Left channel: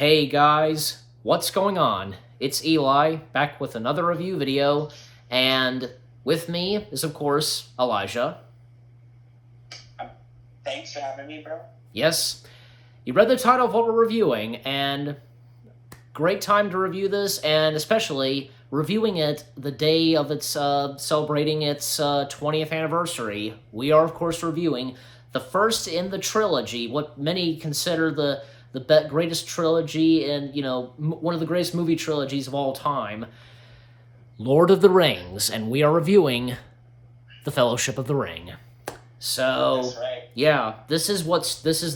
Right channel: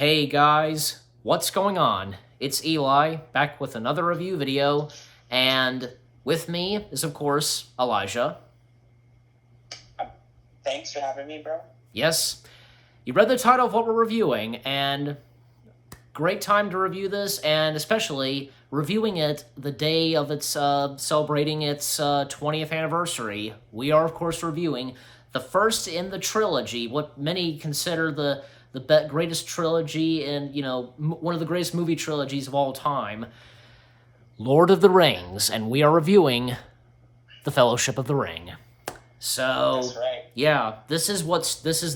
Hey guys, what's going on? It's Eli, back with another review video, and with me is, of course, Elijah. Thanks for having me, bro. Yes, you read the title of what we're reviewing, and great time to review this, and especially reviewing it the day of its celebrating its 20th anniversary. We are, of course, reviewing the first in the trilogy, what many consider the greatest trilogy and, one of the greatest movie trilogies of all time, Lord of the Rings, and we are reviewing The Fellowship of the Ring. So, That's right. yeah, this is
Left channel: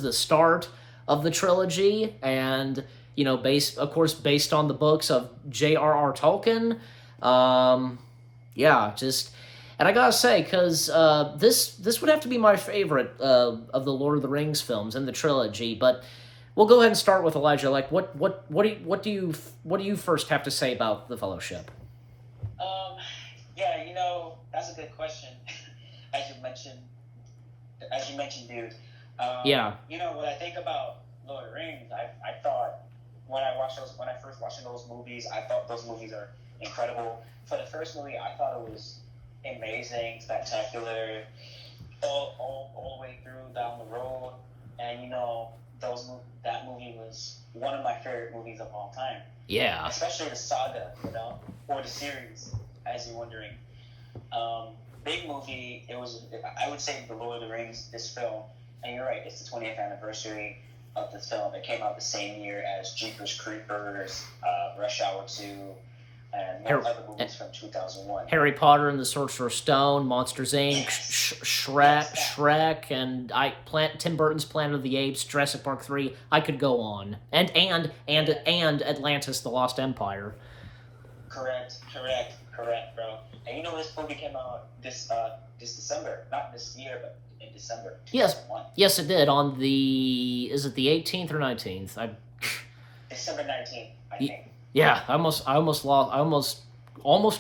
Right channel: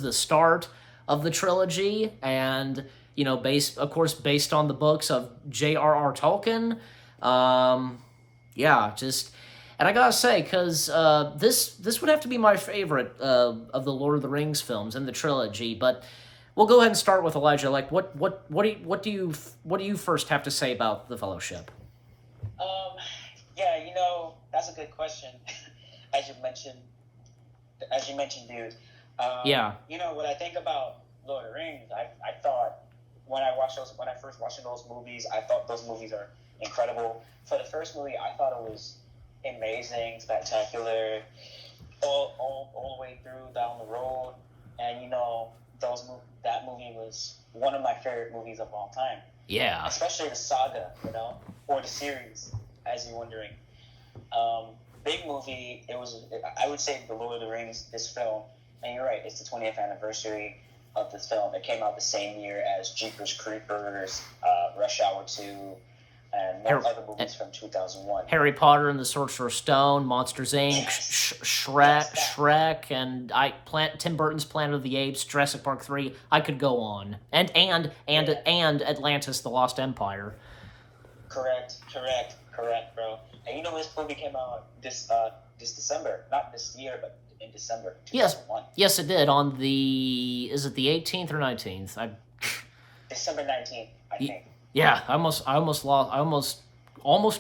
the start of the trilogy, and based on the books of J.R.R. Tolkien. Yeah, just, and I gotta say, because this would have to be my favorite of the Lord of the Rings films in the trilogy, but. We'll go ahead and start with Elijah. Like, what do you first have to say about the Fellowship? Yeah, that's a good question. as you mentioned, dude. Yeah. When I think about Lord of the Rings, I thought when I first watched those movies, I thought those movies are incredible. For the first movie, I thought it was amazing, spectacular, all the way through down the road, and that movie was one of my favorite movies of all time. Yeah. Especially the saga, or the series, as you're wondering. Big movie. I would say The Lord of the Rings, this film, and you're right, it's the 20th anniversary of this film. It came out the same year as Jeepers Creepers, Rush Hour 2, and other movies from 2001. Harry Potter and the Sorcerer's Stone, Monsters Inc., yes. Shrek, and Tim Burton's Planet of the Apes, Jurassic Park 3. I could go on, and Atlantis: The Lost Empire. Correct, bro. And this movie came out this December, not this year, but in December 2001. Yes, it did. On is it the 18th or 19th? December 19th, I think. Yeah, I almost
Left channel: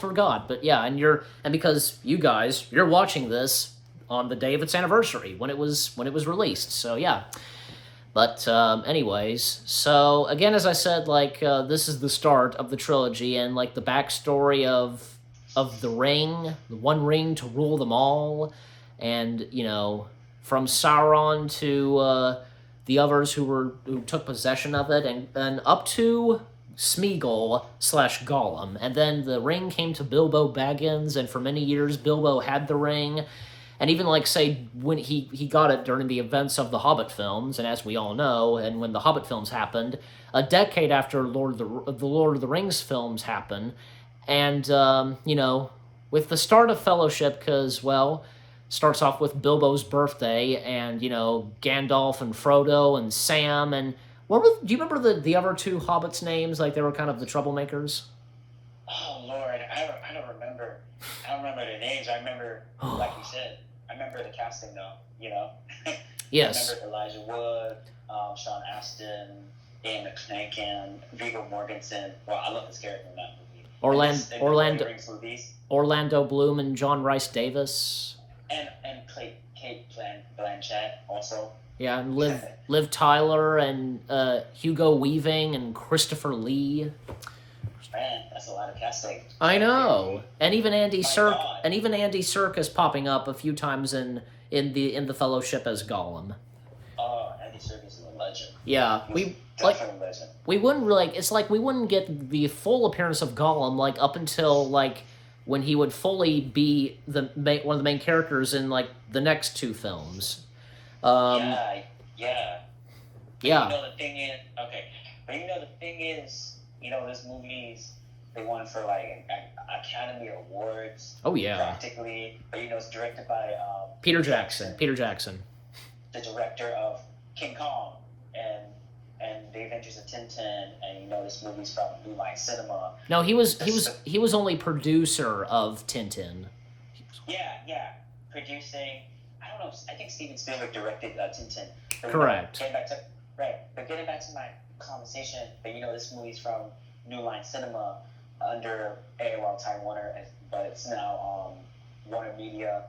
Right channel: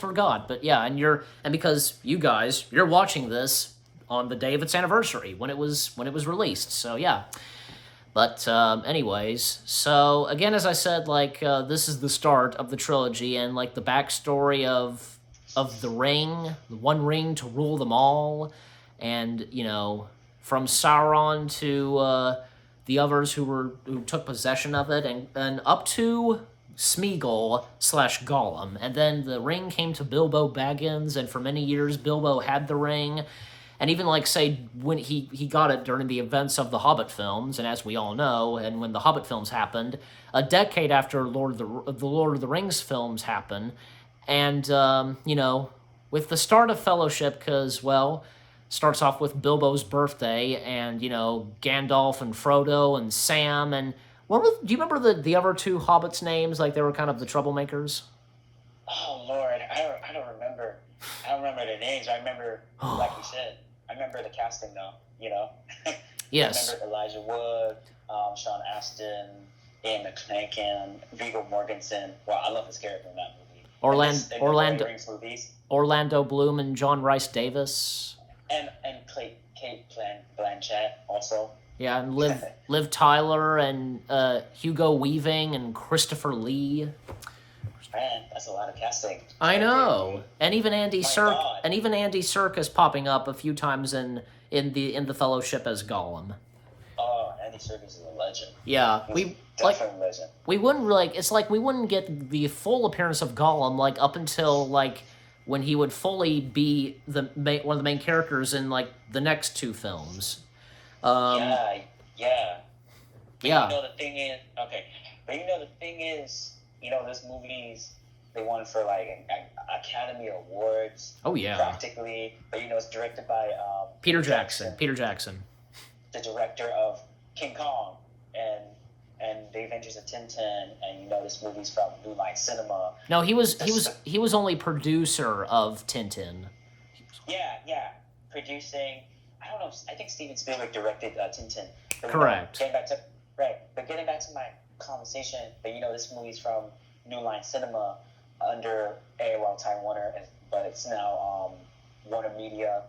forgot, but yeah, and because you're watching this on the day of its anniversary when it was released, so yeah. But anyways, so again, as I said, this is the start of the trilogy, and the backstory of the ring, the one ring to rule them all, and from Sauron to the others who took possession of it, and up to Smeagol / Gollum. And then the ring came to Bilbo Baggins, and for many years Bilbo had the ring. And even say when he got it during the events of the Hobbit films, and as we all know, and when the Hobbit films happened, a decade after the Lord of the Rings films happened, and with the start of Fellowship, because starts off with Bilbo's birthday, and Gandalf and Frodo and Sam, and do you remember the other two hobbits' names? They were kind of the troublemakers. Oh Lord, I don't remember. I don't remember their names. I remember, like you said, I remember the casting though. Yes. I remember Elijah Wood, Sean Astin, Ian McCann, Viggo Mortensen. Wow, I love this character in that movie. Orlando Bloom and John Rhys Davis. And Kate Blanchett also. Yeah, and Liv Tyler and Hugo Weaving and Christopher Lee. Man, that's a lot of casting. I know, and even Andy Serkis popping up a few times in the Fellowship as Gollum. Oh, Andy Serkis is a legend. Yeah, legend. We wouldn't we wouldn't get the full appearance of Gollum up until when he would fully be one of the main characters in the next two films. Yeah. Yeah. The thing is, this movies, they won for Academy Awards. Oh yeah. Practically, but it's directed by Peter Jackson. The director of King Kong and The Adventures of Tintin, and this movie's from New Line Cinema. No, he was only producer of Tintin. Yeah, producing. I don't know. I think Steven Spielberg directed Tintin. Correct. Getting back to my conversation, but this movie's from New Line Cinema under AOL Time Warner, but it's now Warner Media,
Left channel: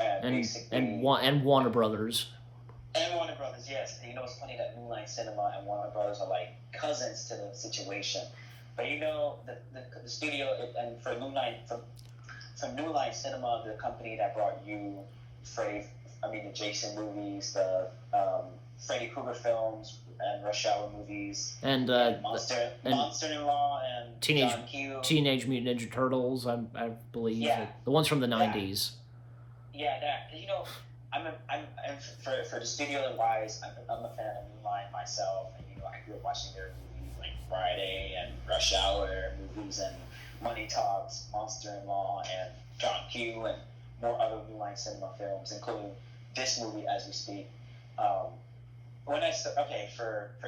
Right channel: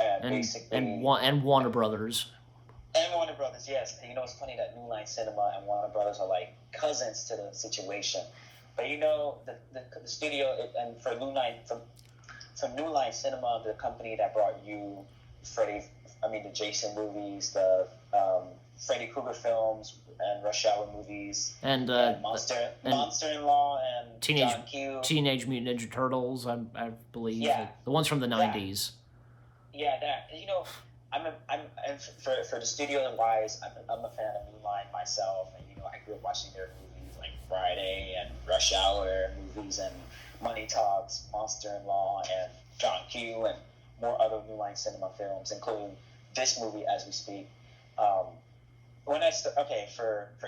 and Warner Brothers. And Warner Brothers, yes. You know, it's funny that New Line Cinema and Warner Brothers are like cousins to the situation. But you know, the studio and for New Line Cinema, the company that brought you the Jason movies, the Freddy Krueger films, and Rush Hour movies, and Monster-in-Law, and Teenage John Q. Teenage Mutant Ninja Turtles, I believe, Yeah, the ones from the yeah, '90s. yeah. That you know, I'm for the studio wise, I'm a fan of New Line myself, and you know, I grew up watching their movies like Friday and Rush Hour movies and Money Talks, Monster-in-Law, and John Q, and more other New Line Cinema films, including this movie as we speak. Um, for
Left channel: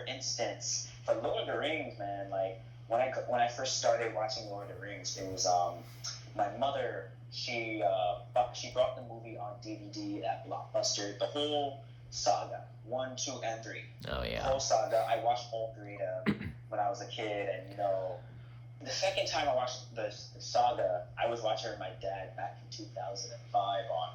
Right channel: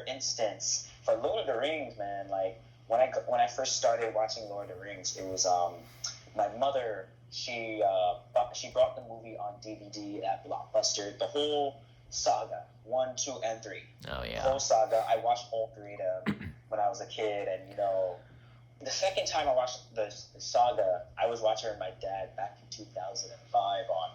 instance, for Lord of the Rings, man, like when I first started watching Lord of the Rings, it was my mother. She brought the movie on DVD at Blockbuster, the whole saga, 1, 2, and 3. Oh yeah. The whole saga. I watched all three when I was a kid, and you know, the second time I watched the saga, I was watching it with my dad back in 2005 on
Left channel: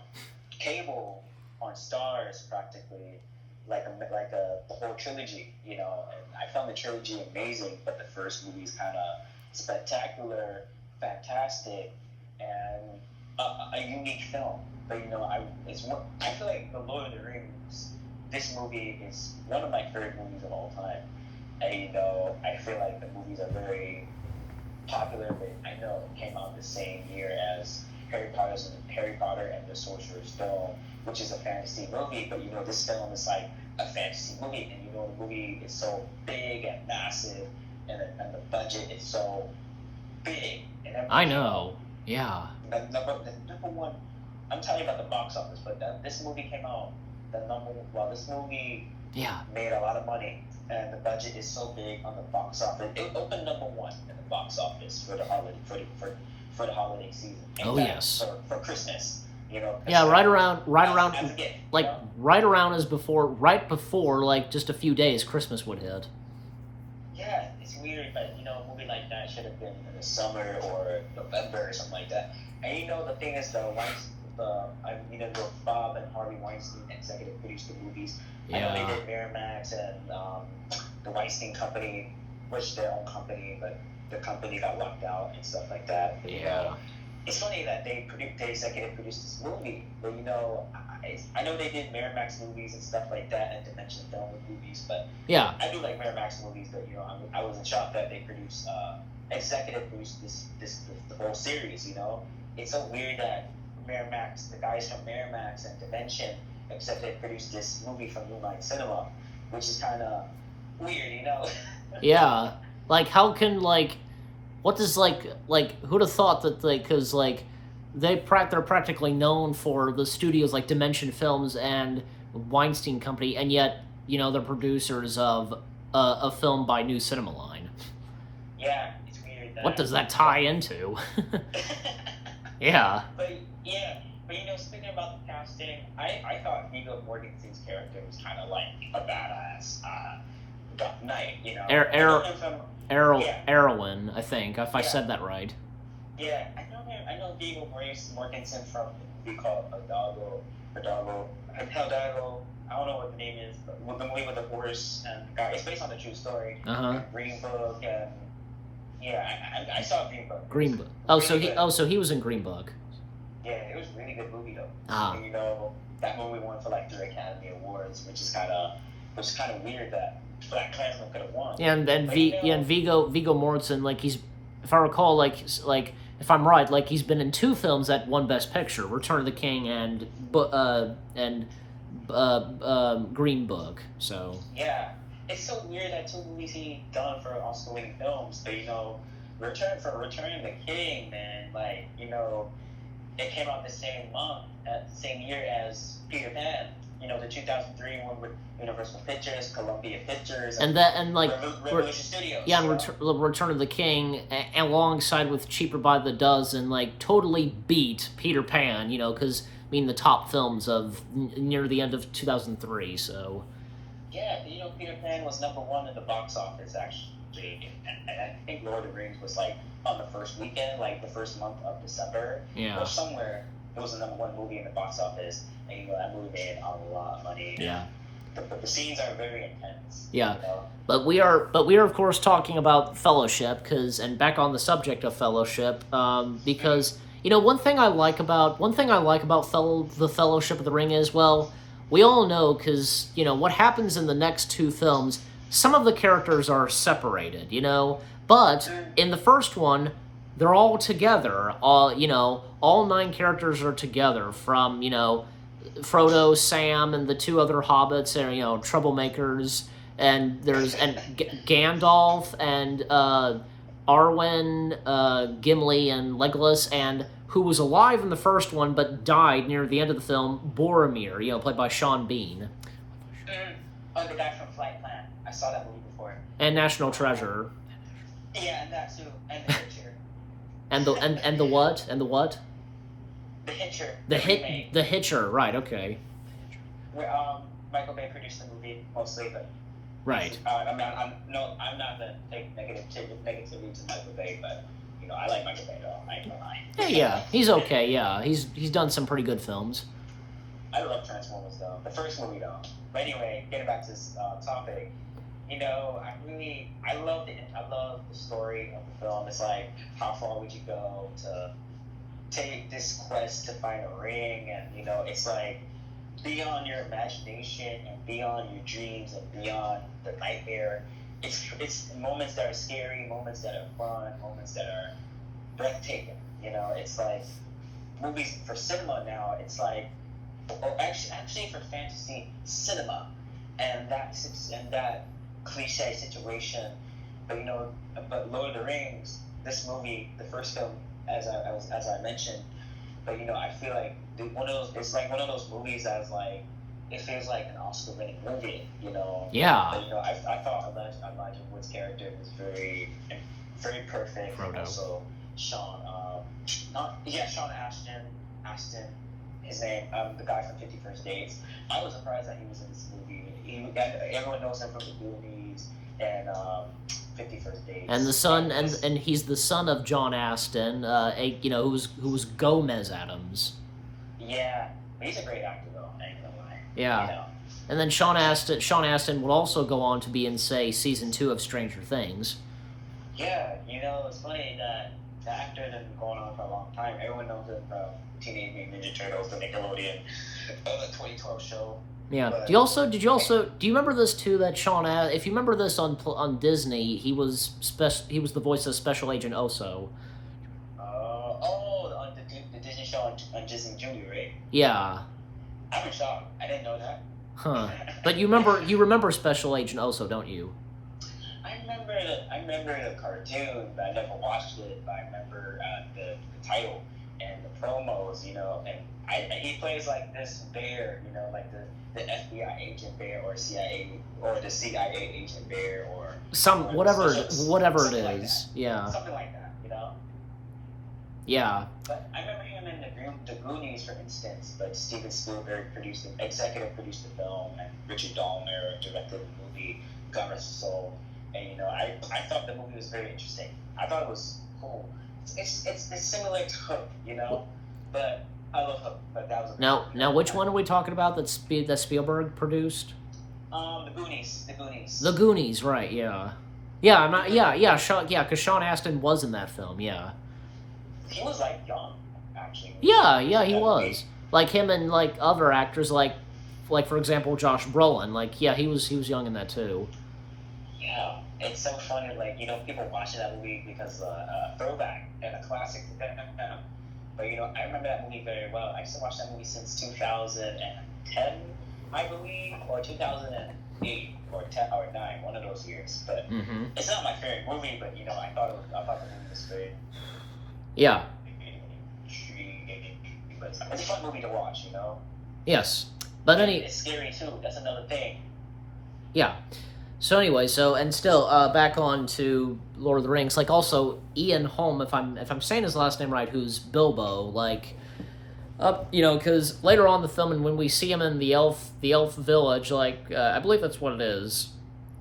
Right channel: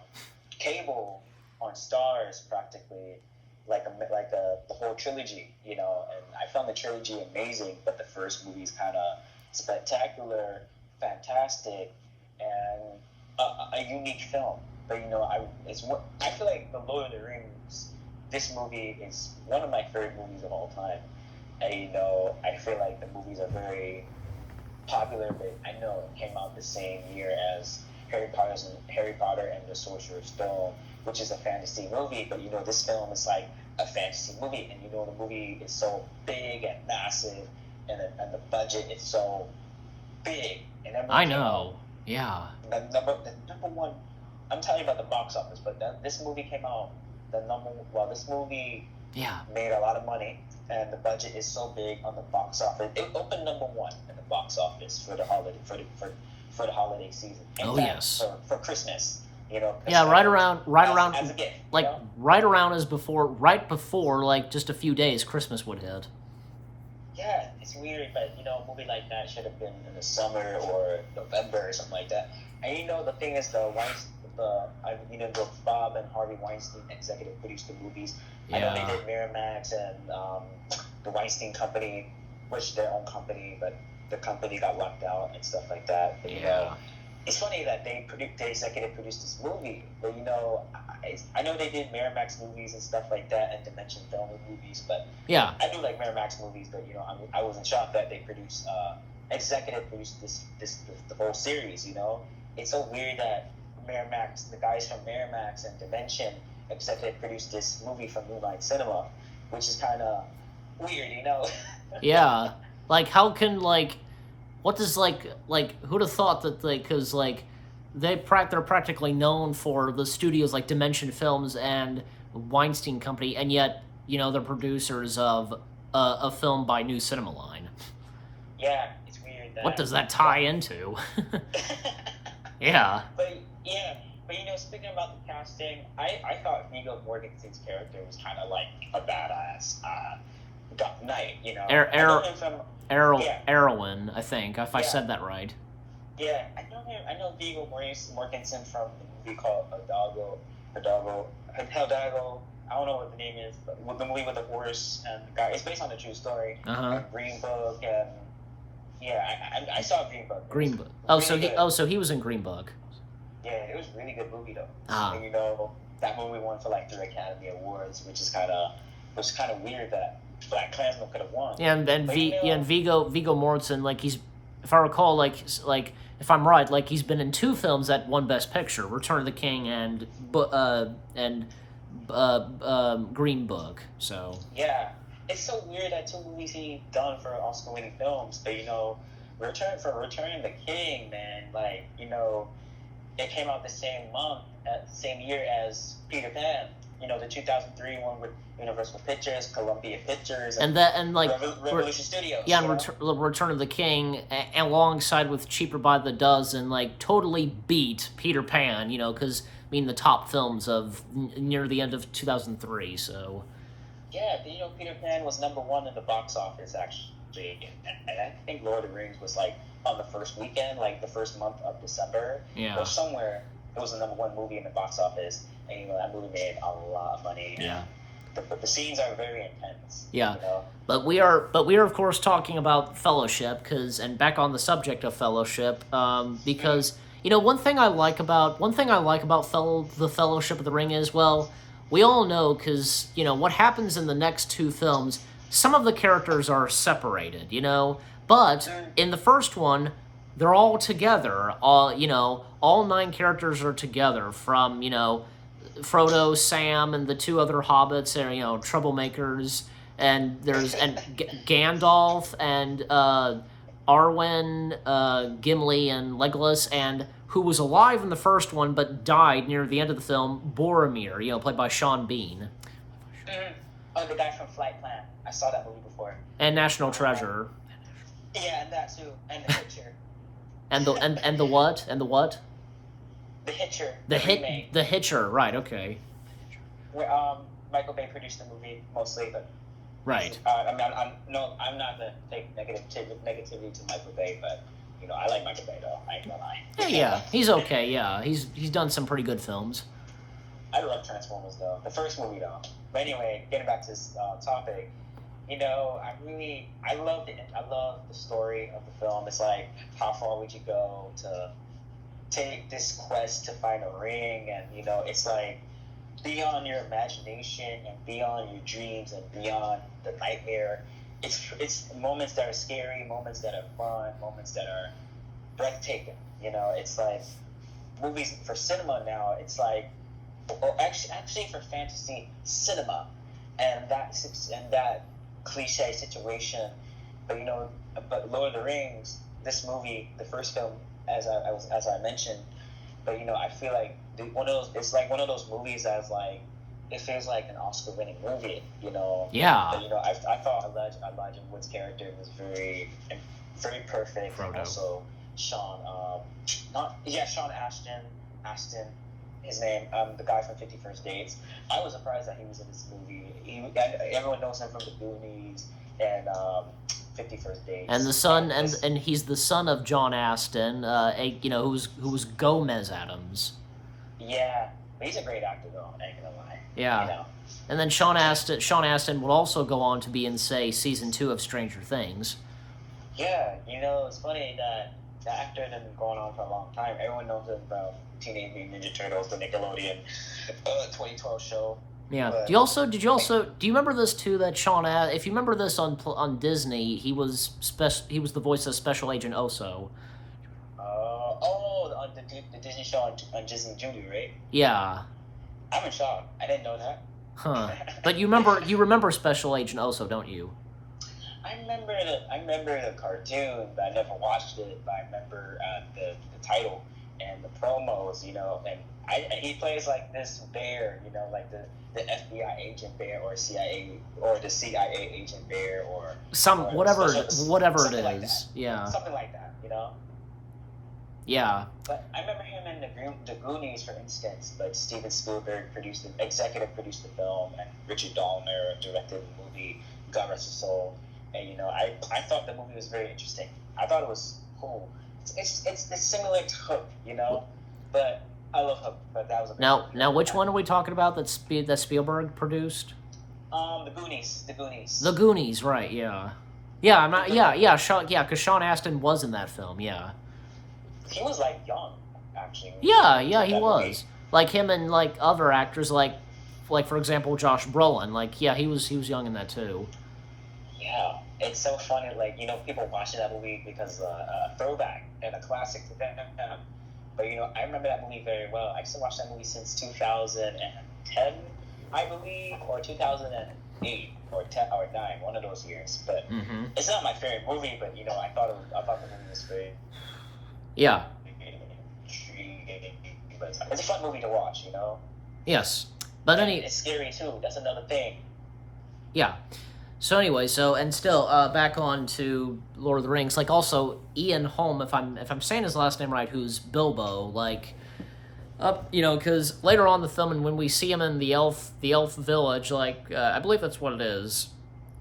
cable, on Stars, practically, the whole trilogy, you know. And I found the trilogy amazing, but the first movie is kind of spectacular, fantastic, and a unique film. But you know, I feel like The Lord of the Rings. This movie is one of my favorite movies of all time, and you know, I feel like the movies are very popular. But I know it came out the same year as Harry Potter and the Sorcerer's Stone, which is a fantasy movie. But you know, this film is like a fantasy movie, and you know, the movie is so big and massive, and the budget is so big. And I know. Yeah. The number one. I'm telling you about the box office, but this movie came out. This movie made a lot of money, and the budget is so big on the box office. It opened number one in the box office for the holiday season. Oh yes. For Christmas, you know. Yeah, right around, as a gift, like you know? right before, like just a few days, Christmas would hit. Yeah, it's weird, but you know, a movie like that should have been in the summer or November or something like that. And you know, the thing is, though, both Bob and Harvey Weinstein executive produced the movies. Yeah. I know they did Miramax and the Weinstein Company, which their own company, but the company got locked out and stuff like that. But, Yeah. you know, it's funny that they executive produced this movie, but you know, I know they did Miramax movies and stuff like that, and Dimension Film movies, but yeah, I do like Miramax movies. But you know, I wasn't shocked that they executive produced the whole series. You know, it's so weird that the guys from Miramax and Dimension executive produced this movie from New Line Cinema, which is kind of weird, you know. Yeah, like how can what does who'd have thought that because they're practically known for the studios like Dimension Films and Weinstein Company, and yet you know they're producers of a film by New Cinema Line. Yeah, it's weird. What does that tie into? Yeah. But you know, speaking about the casting, I thought Viggo Mortensen's character was kind of like a badass knight, you know. Erwin, I think, if I said that right. Yeah, I know him. I know Viggo Mortensen from a movie called Hidalgo. I don't know what the name is, but with the movie with the horse and the guy. It's based on the true story. Green Book, and I saw Green Book. Green Book. So he was in Green Book. Yeah, it was a really good movie though. Ah. And you know, that movie won for like 3 Academy Awards, which is kind of weird that Black Klansman could have won. Yeah, and Viggo Mortensen, like he's, if I recall, like if I'm right, like he's been in 2 films that won Best Picture: Return of the King and Green Book. So yeah, it's so weird that 2 movies he done for Oscar-winning films, but you know, Return of the King, man, like you know, it came out the same year as Peter Pan. You know, the 2003 one with Universal Pictures, Columbia Pictures, and Revolution Studios. Yeah, and Return of the King, alongside with Cheaper by the Dozen, like totally beat Peter Pan. You know, because I mean the top films of near the end of 2003. So. Yeah, you know, Peter Pan was number 1 in the box office actually, and I think Lord of the Rings was like on the first weekend, like the first month of December, yeah, or somewhere. It was the number 1 movie in the box office, and you know that movie made a lot of money. Yeah. the scenes are very intense. Yeah. You know? But we are of course talking about Fellowship, and back on the subject of Fellowship, because one thing I like about the Fellowship of the Ring is, well, we all know, because what happens in the next two films, some of the characters are separated, but in the first one, they're all together. All 9 characters are together, from Frodo, Sam, and the 2 other hobbits, and troublemakers. And there's Gandalf and Arwen, Gimli, and Legolas, and who was alive in the first one but died near the end of the film, Boromir, played by Sean Bean. Oh, the guy from Flight Plan. I saw that movie before. And National Treasure. Yeah, and that too, and the Hitcher. and the what? And the what? The Hitcher. The Hitcher. Right. Okay. Where Michael Bay produced the movie mostly, but. Right. I'm not gonna take negativity to Michael Bay, but I like Michael Bay though. I ain't gonna lie. Yeah, he's okay. Yeah, he's done some pretty good films. I love Transformers though. The first movie though. But anyway, getting back to this topic, I love the story of the film. It's like, how far would you go to take this quest to find a ring, and it's like, beyond your imagination and beyond your dreams and beyond the nightmare. It's moments that are scary, moments that are fun, moments that are breathtaking. It's like movies for cinema now. It's like, or actually for fantasy cinema, and that cliche situation. But but Lord of the Rings, this movie, the first film, as I mentioned. But I feel like it's like one of those movies that's like, it feels like an Oscar-winning movie. Yeah. But, I thought Elijah Wood's character was very, very perfect. Frodo. Also, Sean Astin, his name, the guy from 50 First Dates. I was surprised that he was in this movie. Everyone knows him from the Goonies and 50 First Dates. And the son, and he's the son of John Astin, who was Gomez Adams. Yeah, but he's a great actor though. I ain't gonna lie. Yeah. And then Sean Astin would also go on to be in, say, season 2 of Stranger Things. Yeah, it's funny that the actor has been going on for a long time. Everyone knows him from Teenage Mutant Ninja Turtles, the Nickelodeon 2012 show. Yeah. But, do you remember this too? That if you remember this on Disney, he was the voice of Special Agent Oso. The Disney show on Disney Junior, right? Yeah. I'm in shock. I didn't know that. Huh. But you remember Special Agent Oso, don't you? I remember the cartoon, but I never watched it. But I remember the title and the promos, and he plays like this bear, like the FBI agent bear, or CIA, or the CIA agent bear, or whatever it is. Like Yeah. Something like that, Yeah. But I remember him in the Goonies, for instance. But Steven Spielberg executive produced the film, and Richard Donner directed the movie Goddess of Soul. And I thought the movie was very interesting. I thought it was cool. It's similar to Hook, but I love Hook. But that was now which one are we talking about that Spielberg produced? The Goonies. The Goonies, right? Yeah. Yeah, I'm not. Yeah. Because Sean Astin was in that film. Yeah. He was like young, actually. Yeah, he was. Like him and like other actors, like for example Josh Brolin. Like, yeah, he was young in that too. Yeah, it's so funny. Like, people watching that movie because a throwback and a classic to them. But I remember that movie very well. I used to watch that movie since 2010, I believe, or 2008 or 10 or 9, one of those years. But it's not my favorite movie. But I thought the movie was great. Yeah. But it's a fun movie to watch, Yes, but it's scary too. That's another thing. Yeah. So anyway, back on to Lord of the Rings. Like, also Ian Holm, if I'm saying his last name right, who's Bilbo. Like, because later on in the film, and when we see him in the elf village, like I believe that's what it is.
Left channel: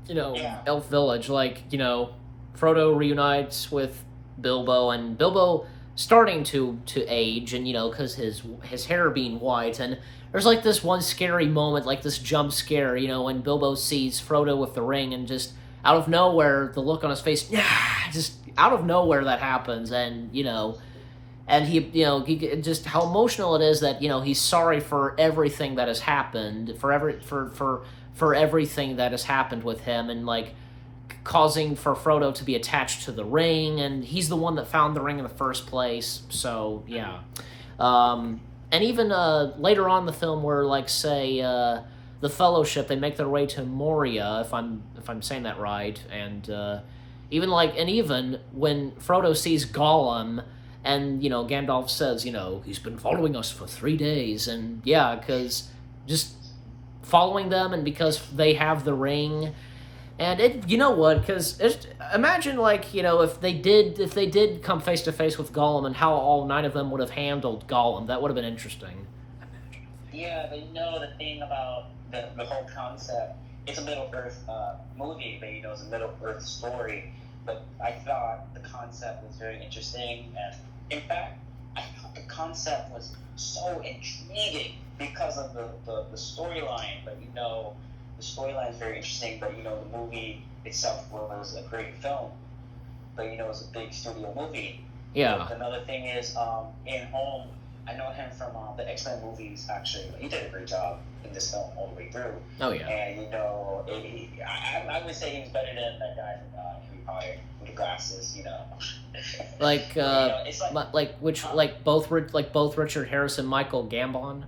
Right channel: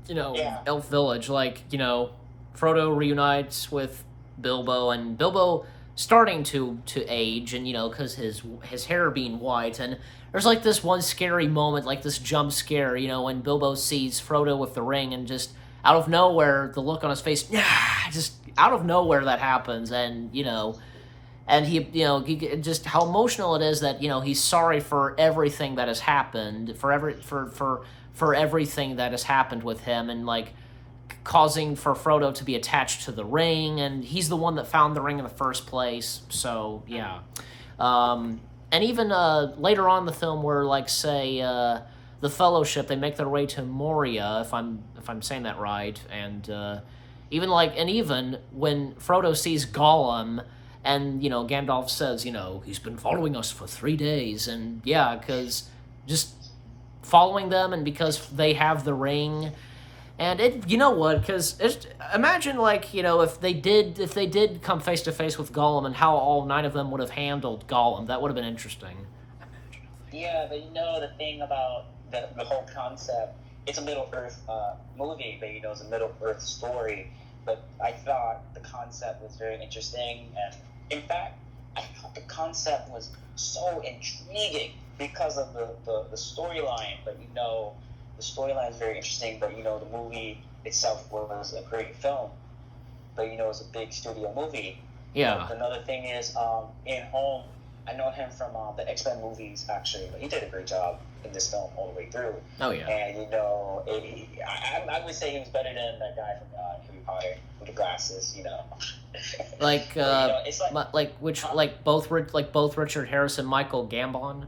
Elf village. Like, Frodo reunites with Bilbo, and Bilbo starting to age, and because his hair being white, and there's like this one scary moment, like this jump scare, when Bilbo sees Frodo with the ring, and just out of nowhere, the look on his face, just out of nowhere that happens, and he just how emotional it is that he's sorry for everything that has happened, for everything that has happened with him, and like causing for Frodo to be attached to the ring, and he's the one that found the ring in the first place. So yeah, and even later on in the film, where like say the Fellowship, they make their way to Moria, if I'm saying that right, and even when Frodo sees Gollum, and Gandalf says, he's been following us for 3 days, and yeah, because just following them, and because they have the ring. And because imagine if they did come face to face with Gollum, and how all 9 of them would have handled Gollum. That would have been interesting. Yeah, but the thing about the whole concept, it's a Middle Earth movie, but it's a Middle Earth story. But I thought the concept was very interesting, and in fact, I thought the concept was so intriguing because of the storyline. But the storyline is very interesting, but the movie itself was a great film. But it's a big studio movie. Yeah. But another thing is, in Home, I know him from the X-Men movies, actually, but he did a great job in this film all the way through. Oh yeah. And I would say he was better than that guy from Harry Potter with the glasses. Both Richard Harris and Michael Gambon.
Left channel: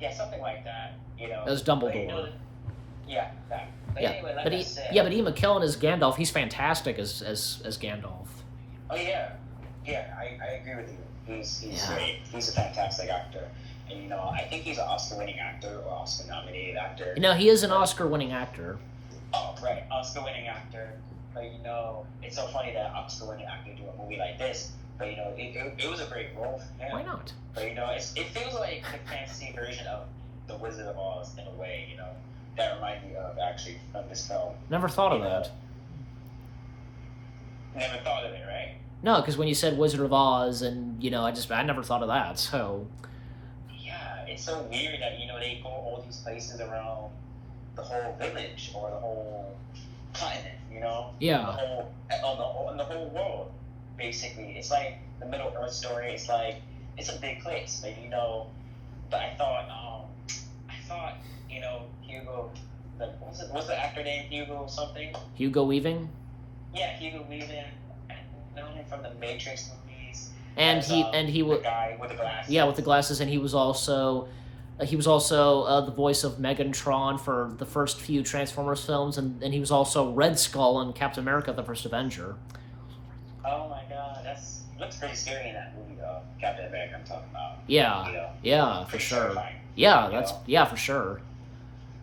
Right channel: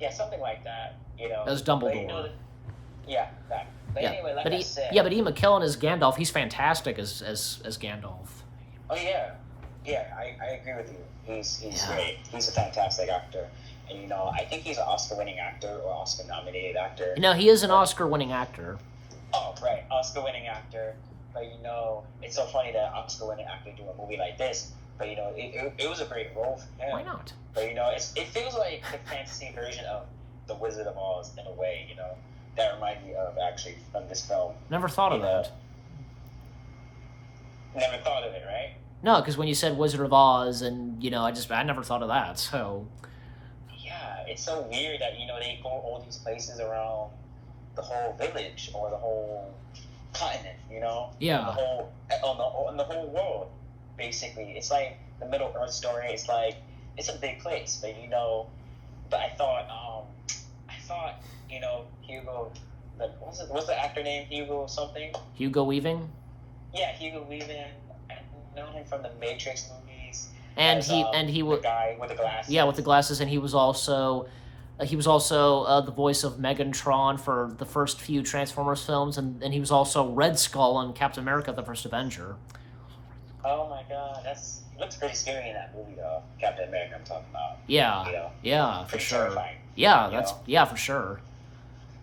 Yeah, something like that. That was Dumbledore. Yeah, that. But yeah, anyway, but Ian McKellen as Gandalf, he's fantastic as Gandalf. Oh yeah, I agree with you. He's great. He's a fantastic actor, and I think he's an Oscar-winning actor or Oscar-nominated actor. He is an Oscar-winning actor. Oh right, Oscar-winning actor. But it's so funny that an Oscar-winning actor do a movie like this. But it was a great role for him. Why not? But it feels like the fantasy version of The Wizard of Oz in a way. That reminds me of actually from this film. Never thought of that. Never thought of it, right? No, because when you said Wizard of Oz, and I never thought of that. So. Yeah, it's so weird that they go all these places around the whole village or the whole continent. Yeah. On the whole world, basically, it's like the Middle Earth story. It's like it's a big place, but But I thought, Hugo. What's the actor name? Hugo something. Hugo Weaving. Yeah, Hugo Weaving. I know him from the Matrix movies. And he was the guy with the glasses. Yeah, with the glasses, and he was also the voice of Megatron for the first few Transformers films, and he was also Red Skull in Captain America: The First Avenger. Oh my God, looks pretty scary in that movie though. Captain America, I'm talking about. Yeah, for sure. Terrifying, Yeah, for sure.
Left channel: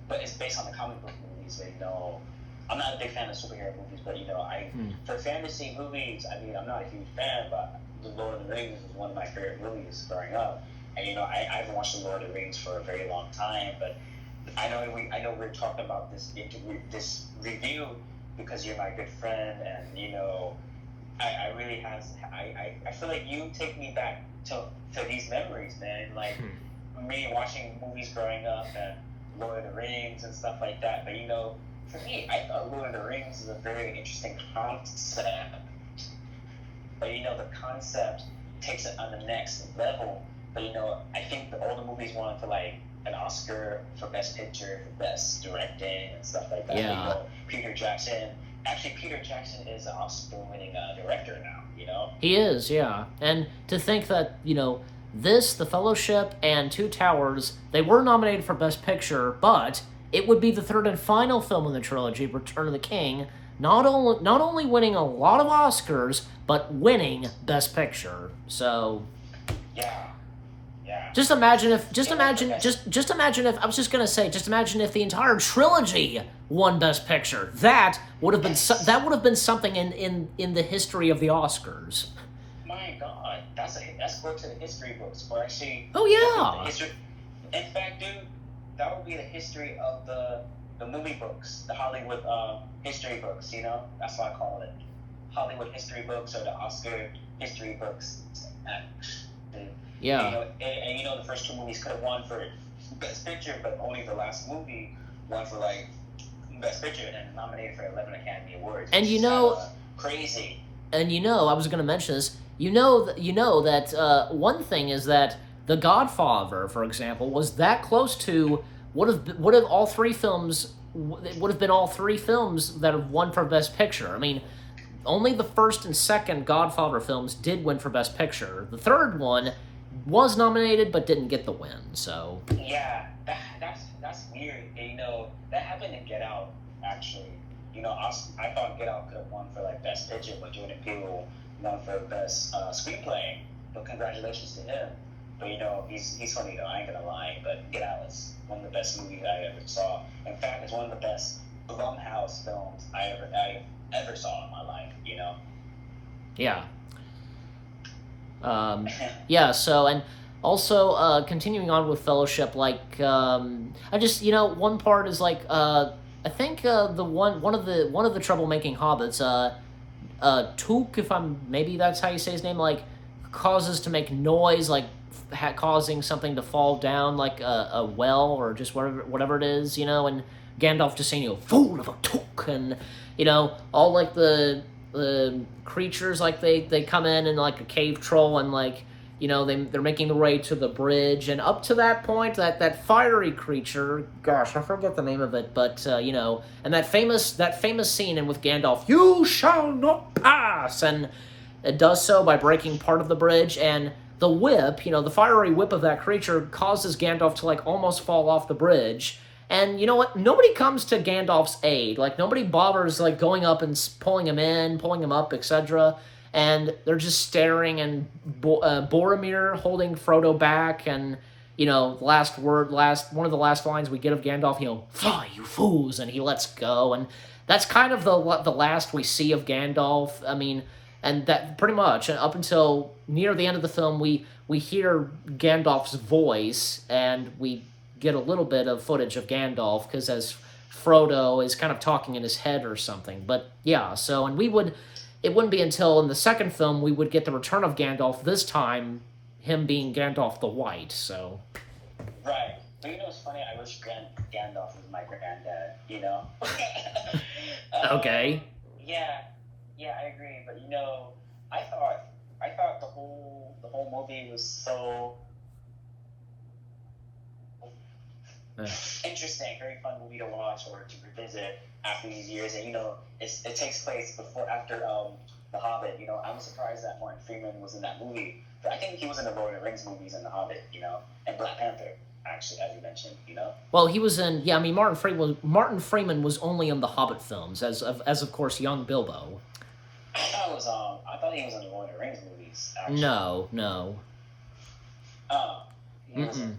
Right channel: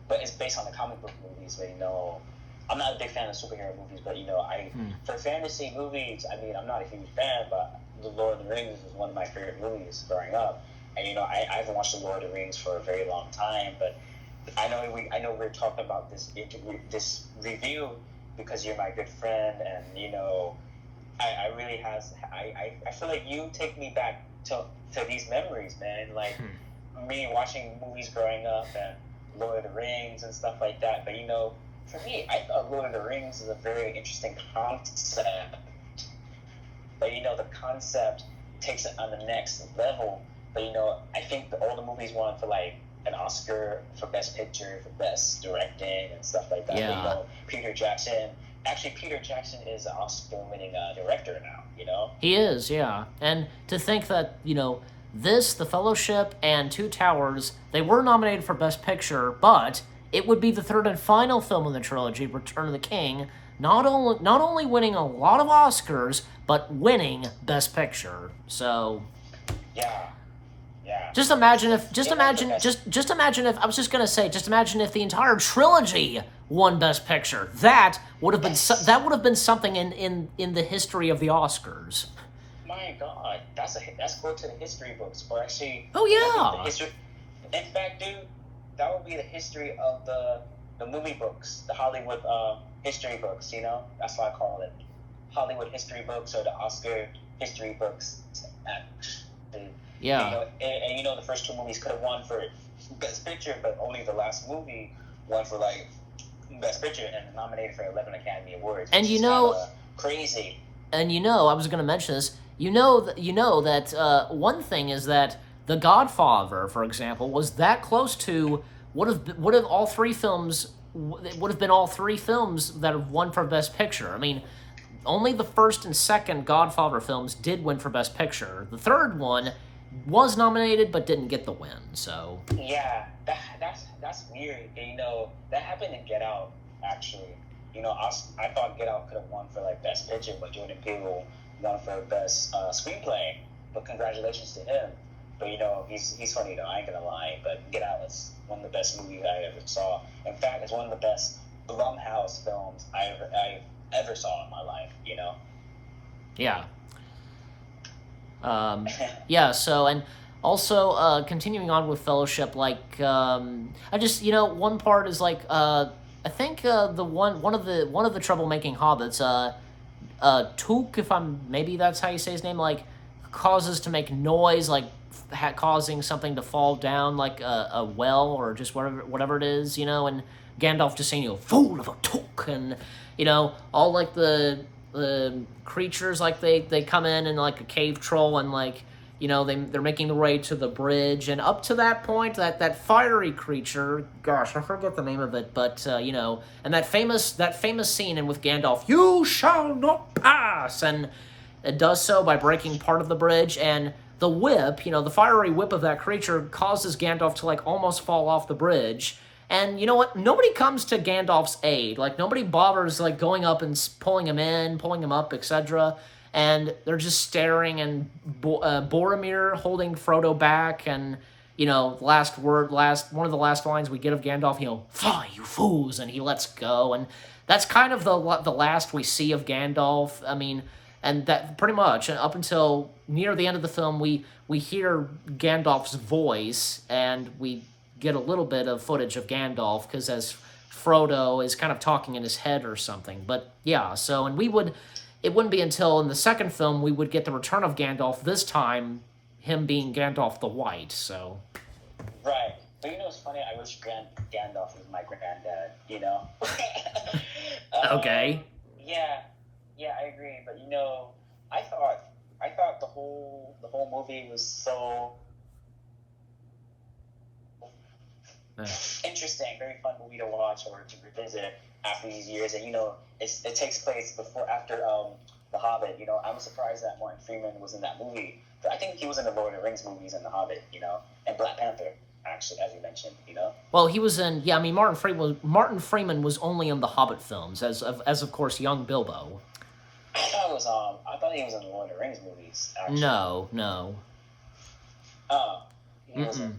But it's based on the comic book movies, but I'm not a big fan of superhero movies, but for fantasy movies, I'm not a huge fan, but The Lord of the Rings is one of my favorite movies growing up, and I haven't watched The Lord of the Rings for a very long time, but I know we're talking about this review because you're my good friend, and I really I feel like you take me back to these memories, man, like me watching movies growing up and Lord of the Rings and stuff like that. But for me, I thought Lord of the Rings is a very interesting concept. But the concept takes it on the next level. But I think all the movies won for like an Oscar for Best Picture, for Best Directing, and stuff like that. Yeah. Peter Jackson is an Oscar-winning director now. He is, yeah. And to think that this, The Fellowship, and Two Towers, they were nominated for Best Picture, but it would be the third and final film in the trilogy, Return of the King, not only winning a lot of Oscars, but winning Best Picture. So, yeah. Just imagine if the entire trilogy won Best Picture. That would have been something in the history of the Oscars. My God, that's go to the history books, or actually. Oh yeah. In fact, dude, that would be the history of the movie books, the Hollywood history books. That's what I call it, Hollywood history books, or the Oscar history books. Yeah. And the first two movies could have won for Best Picture, but only the last movie won for like Best Picture and nominated for 11 Academy Awards. And which is kinda crazy. And I was going to mention this. That one thing is that The Godfather, for example, was that close to would have all three films. It would have been all three films that have won for Best Picture. I mean, only the first and second Godfather films did win for Best Picture. The third one was nominated but didn't get the win. So Yeah, that's weird. That happened in Get Out, actually. I thought Get Out could have won for like Best Picture, but Jordan Peele won for Best Screenplay. But congratulations to him. But he's funny though. I ain't gonna lie. But Get Out is one of the best movies I ever saw. In fact, it's one of the best Blumhouse films I ever saw in my life. yeah. Yeah, so, and also, continuing on with Fellowship, like, I just, one part is like, I think, one of the troublemaking hobbits, Took, maybe that's how you say his name, like, causes to make noise, like, causing something to fall down, like a well, or just whatever it is, and Gandalf just saying, fool of a Took, and, all, like, the creatures, like, they come in and, like, a cave troll, and, like, they're making their way to the bridge, and up to that point, that fiery creature, gosh, I forget the name of it, but, and that famous scene in with Gandalf, you shall not pass, and it does so by breaking part of the bridge, and the whip, the fiery whip of that creature causes Gandalf to, like, almost fall off the bridge. And you know what? Nobody comes to Gandalf's aid. Like, nobody bothers, like, going up and pulling him in, pulling him up, etc. And they're just staring, and Boromir holding Frodo back, and, one of the last lines we get of Gandalf, fly, you fools, and he lets go. And that's kind of the last we see of Gandalf. I mean, and that pretty much, up until near the end of the film, we hear Gandalf's voice, and we get a little bit of footage of Gandalf, because as Frodo is kind of talking in his head or something. But yeah, so, and it wouldn't be until in the second film we would get the return of Gandalf, this time him being Gandalf the White, so. Right. But it's funny, I wish Gandalf was my granddad, Okay. Yeah, I agree. But I thought the whole movie was so interesting, very fun movie to watch or to revisit after these years. And it takes place after The Hobbit. I'm surprised that Martin Freeman was in that movie. But I think he was in the Lord of the Rings movies and The Hobbit, and Black Panther, actually, as you mentioned, Well, he was in, Martin Freeman was only in the Hobbit films, as of course young Bilbo. I thought he was in the Lord of the Rings movies. Actually. No. Oh, he wasn't.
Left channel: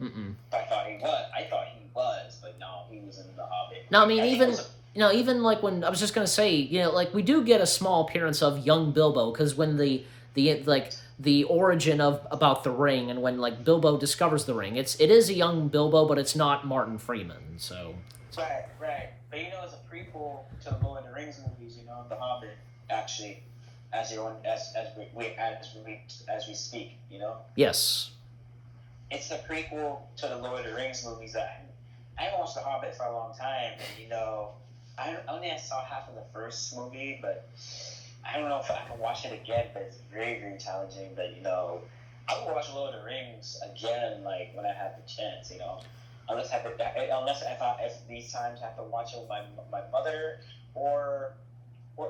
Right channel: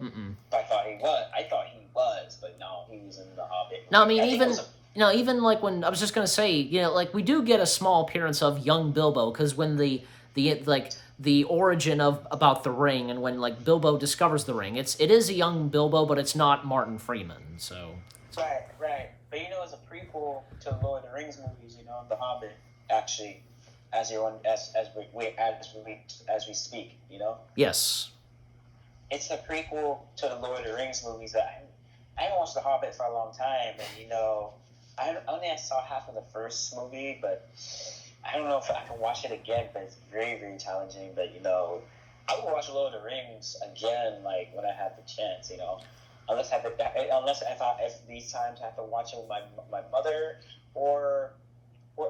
I thought he was, but no, he was in the Hobbit. No, I mean, even like when I was just gonna say, like we do get a small appearance of young Bilbo, because when the origin of about the ring, and when like Bilbo discovers the ring, it is a young Bilbo, but it's not Martin Freeman. So right. But it's a prequel to the Lord of the Rings movies. The Hobbit, actually, as we speak. Yes. It's the prequel to the Lord of the Rings movies that I haven't watched The Hobbit for a long time, and I saw half of the first movie, but I don't know if I can watch it again. But it's very, very challenging. But I will watch Lord of the Rings again, like when I have the chance. Unless if these times I have to watch it with my mother or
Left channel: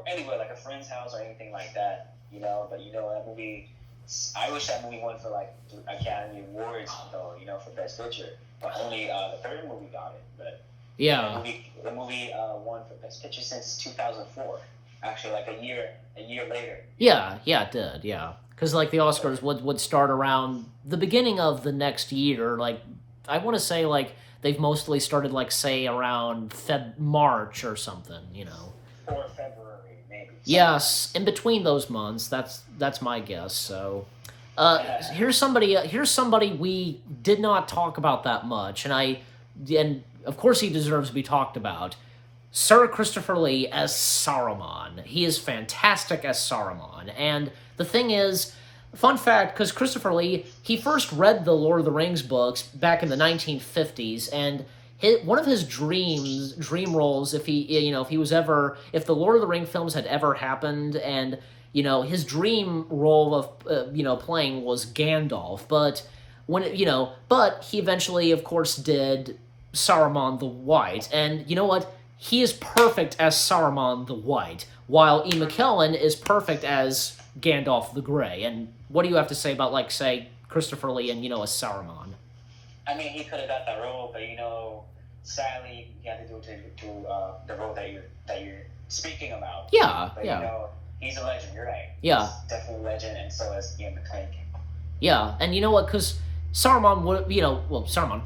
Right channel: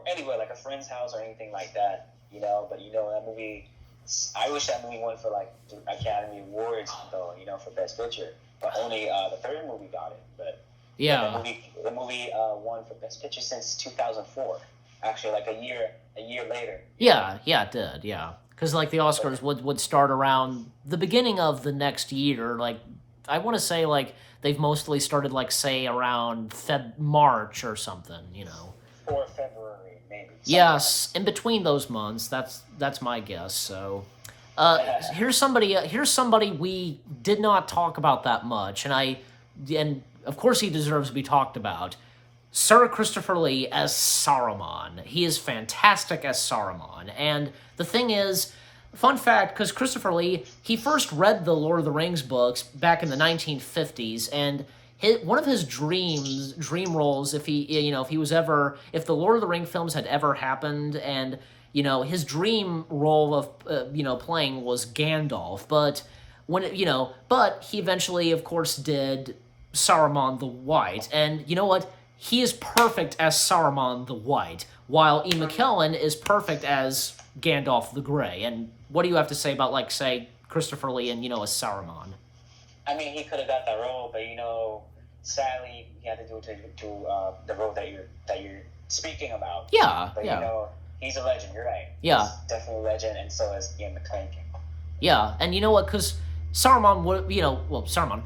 anywhere like a friend's house or anything like that. But that movie. I wish that movie won for like the Academy Awards, though, for Best Picture. But only the third movie got it. But yeah, the movie won for Best Picture since 2004. Actually, like a year later. Yeah, it did. Yeah, because like the Oscars would start around the beginning of the next year. Like I want to say like they've mostly started like say around March or something. Or February. Yes, in between those months, that's my guess. So, here's somebody we did not talk about that much, and of course he deserves to be talked about. Sir Christopher Lee as Saruman. He is fantastic as Saruman, and the thing is, Fun fact, because Christopher Lee, he first read the Lord of the Rings books back in the 1950s, and one of his dream roles, if he was ever, if the Lord of the Ring films had ever happened, and his dream role of playing was Gandalf, but but he eventually, of course, did Saruman the White, and you know what? He is perfect as Saruman the White, while Ian McKellen is perfect as Gandalf the Grey. And what do you have to say about, like, say, Christopher Lee and, as Saruman? I mean, he could have got that role, but sadly, he had to do it to the role that you're speaking about. Yeah, but, yeah. He's a legend. You're right. Yeah. He's definitely a legend, and so is Ian McKellen. Yeah, and you know what? Because Saruman would, Saruman,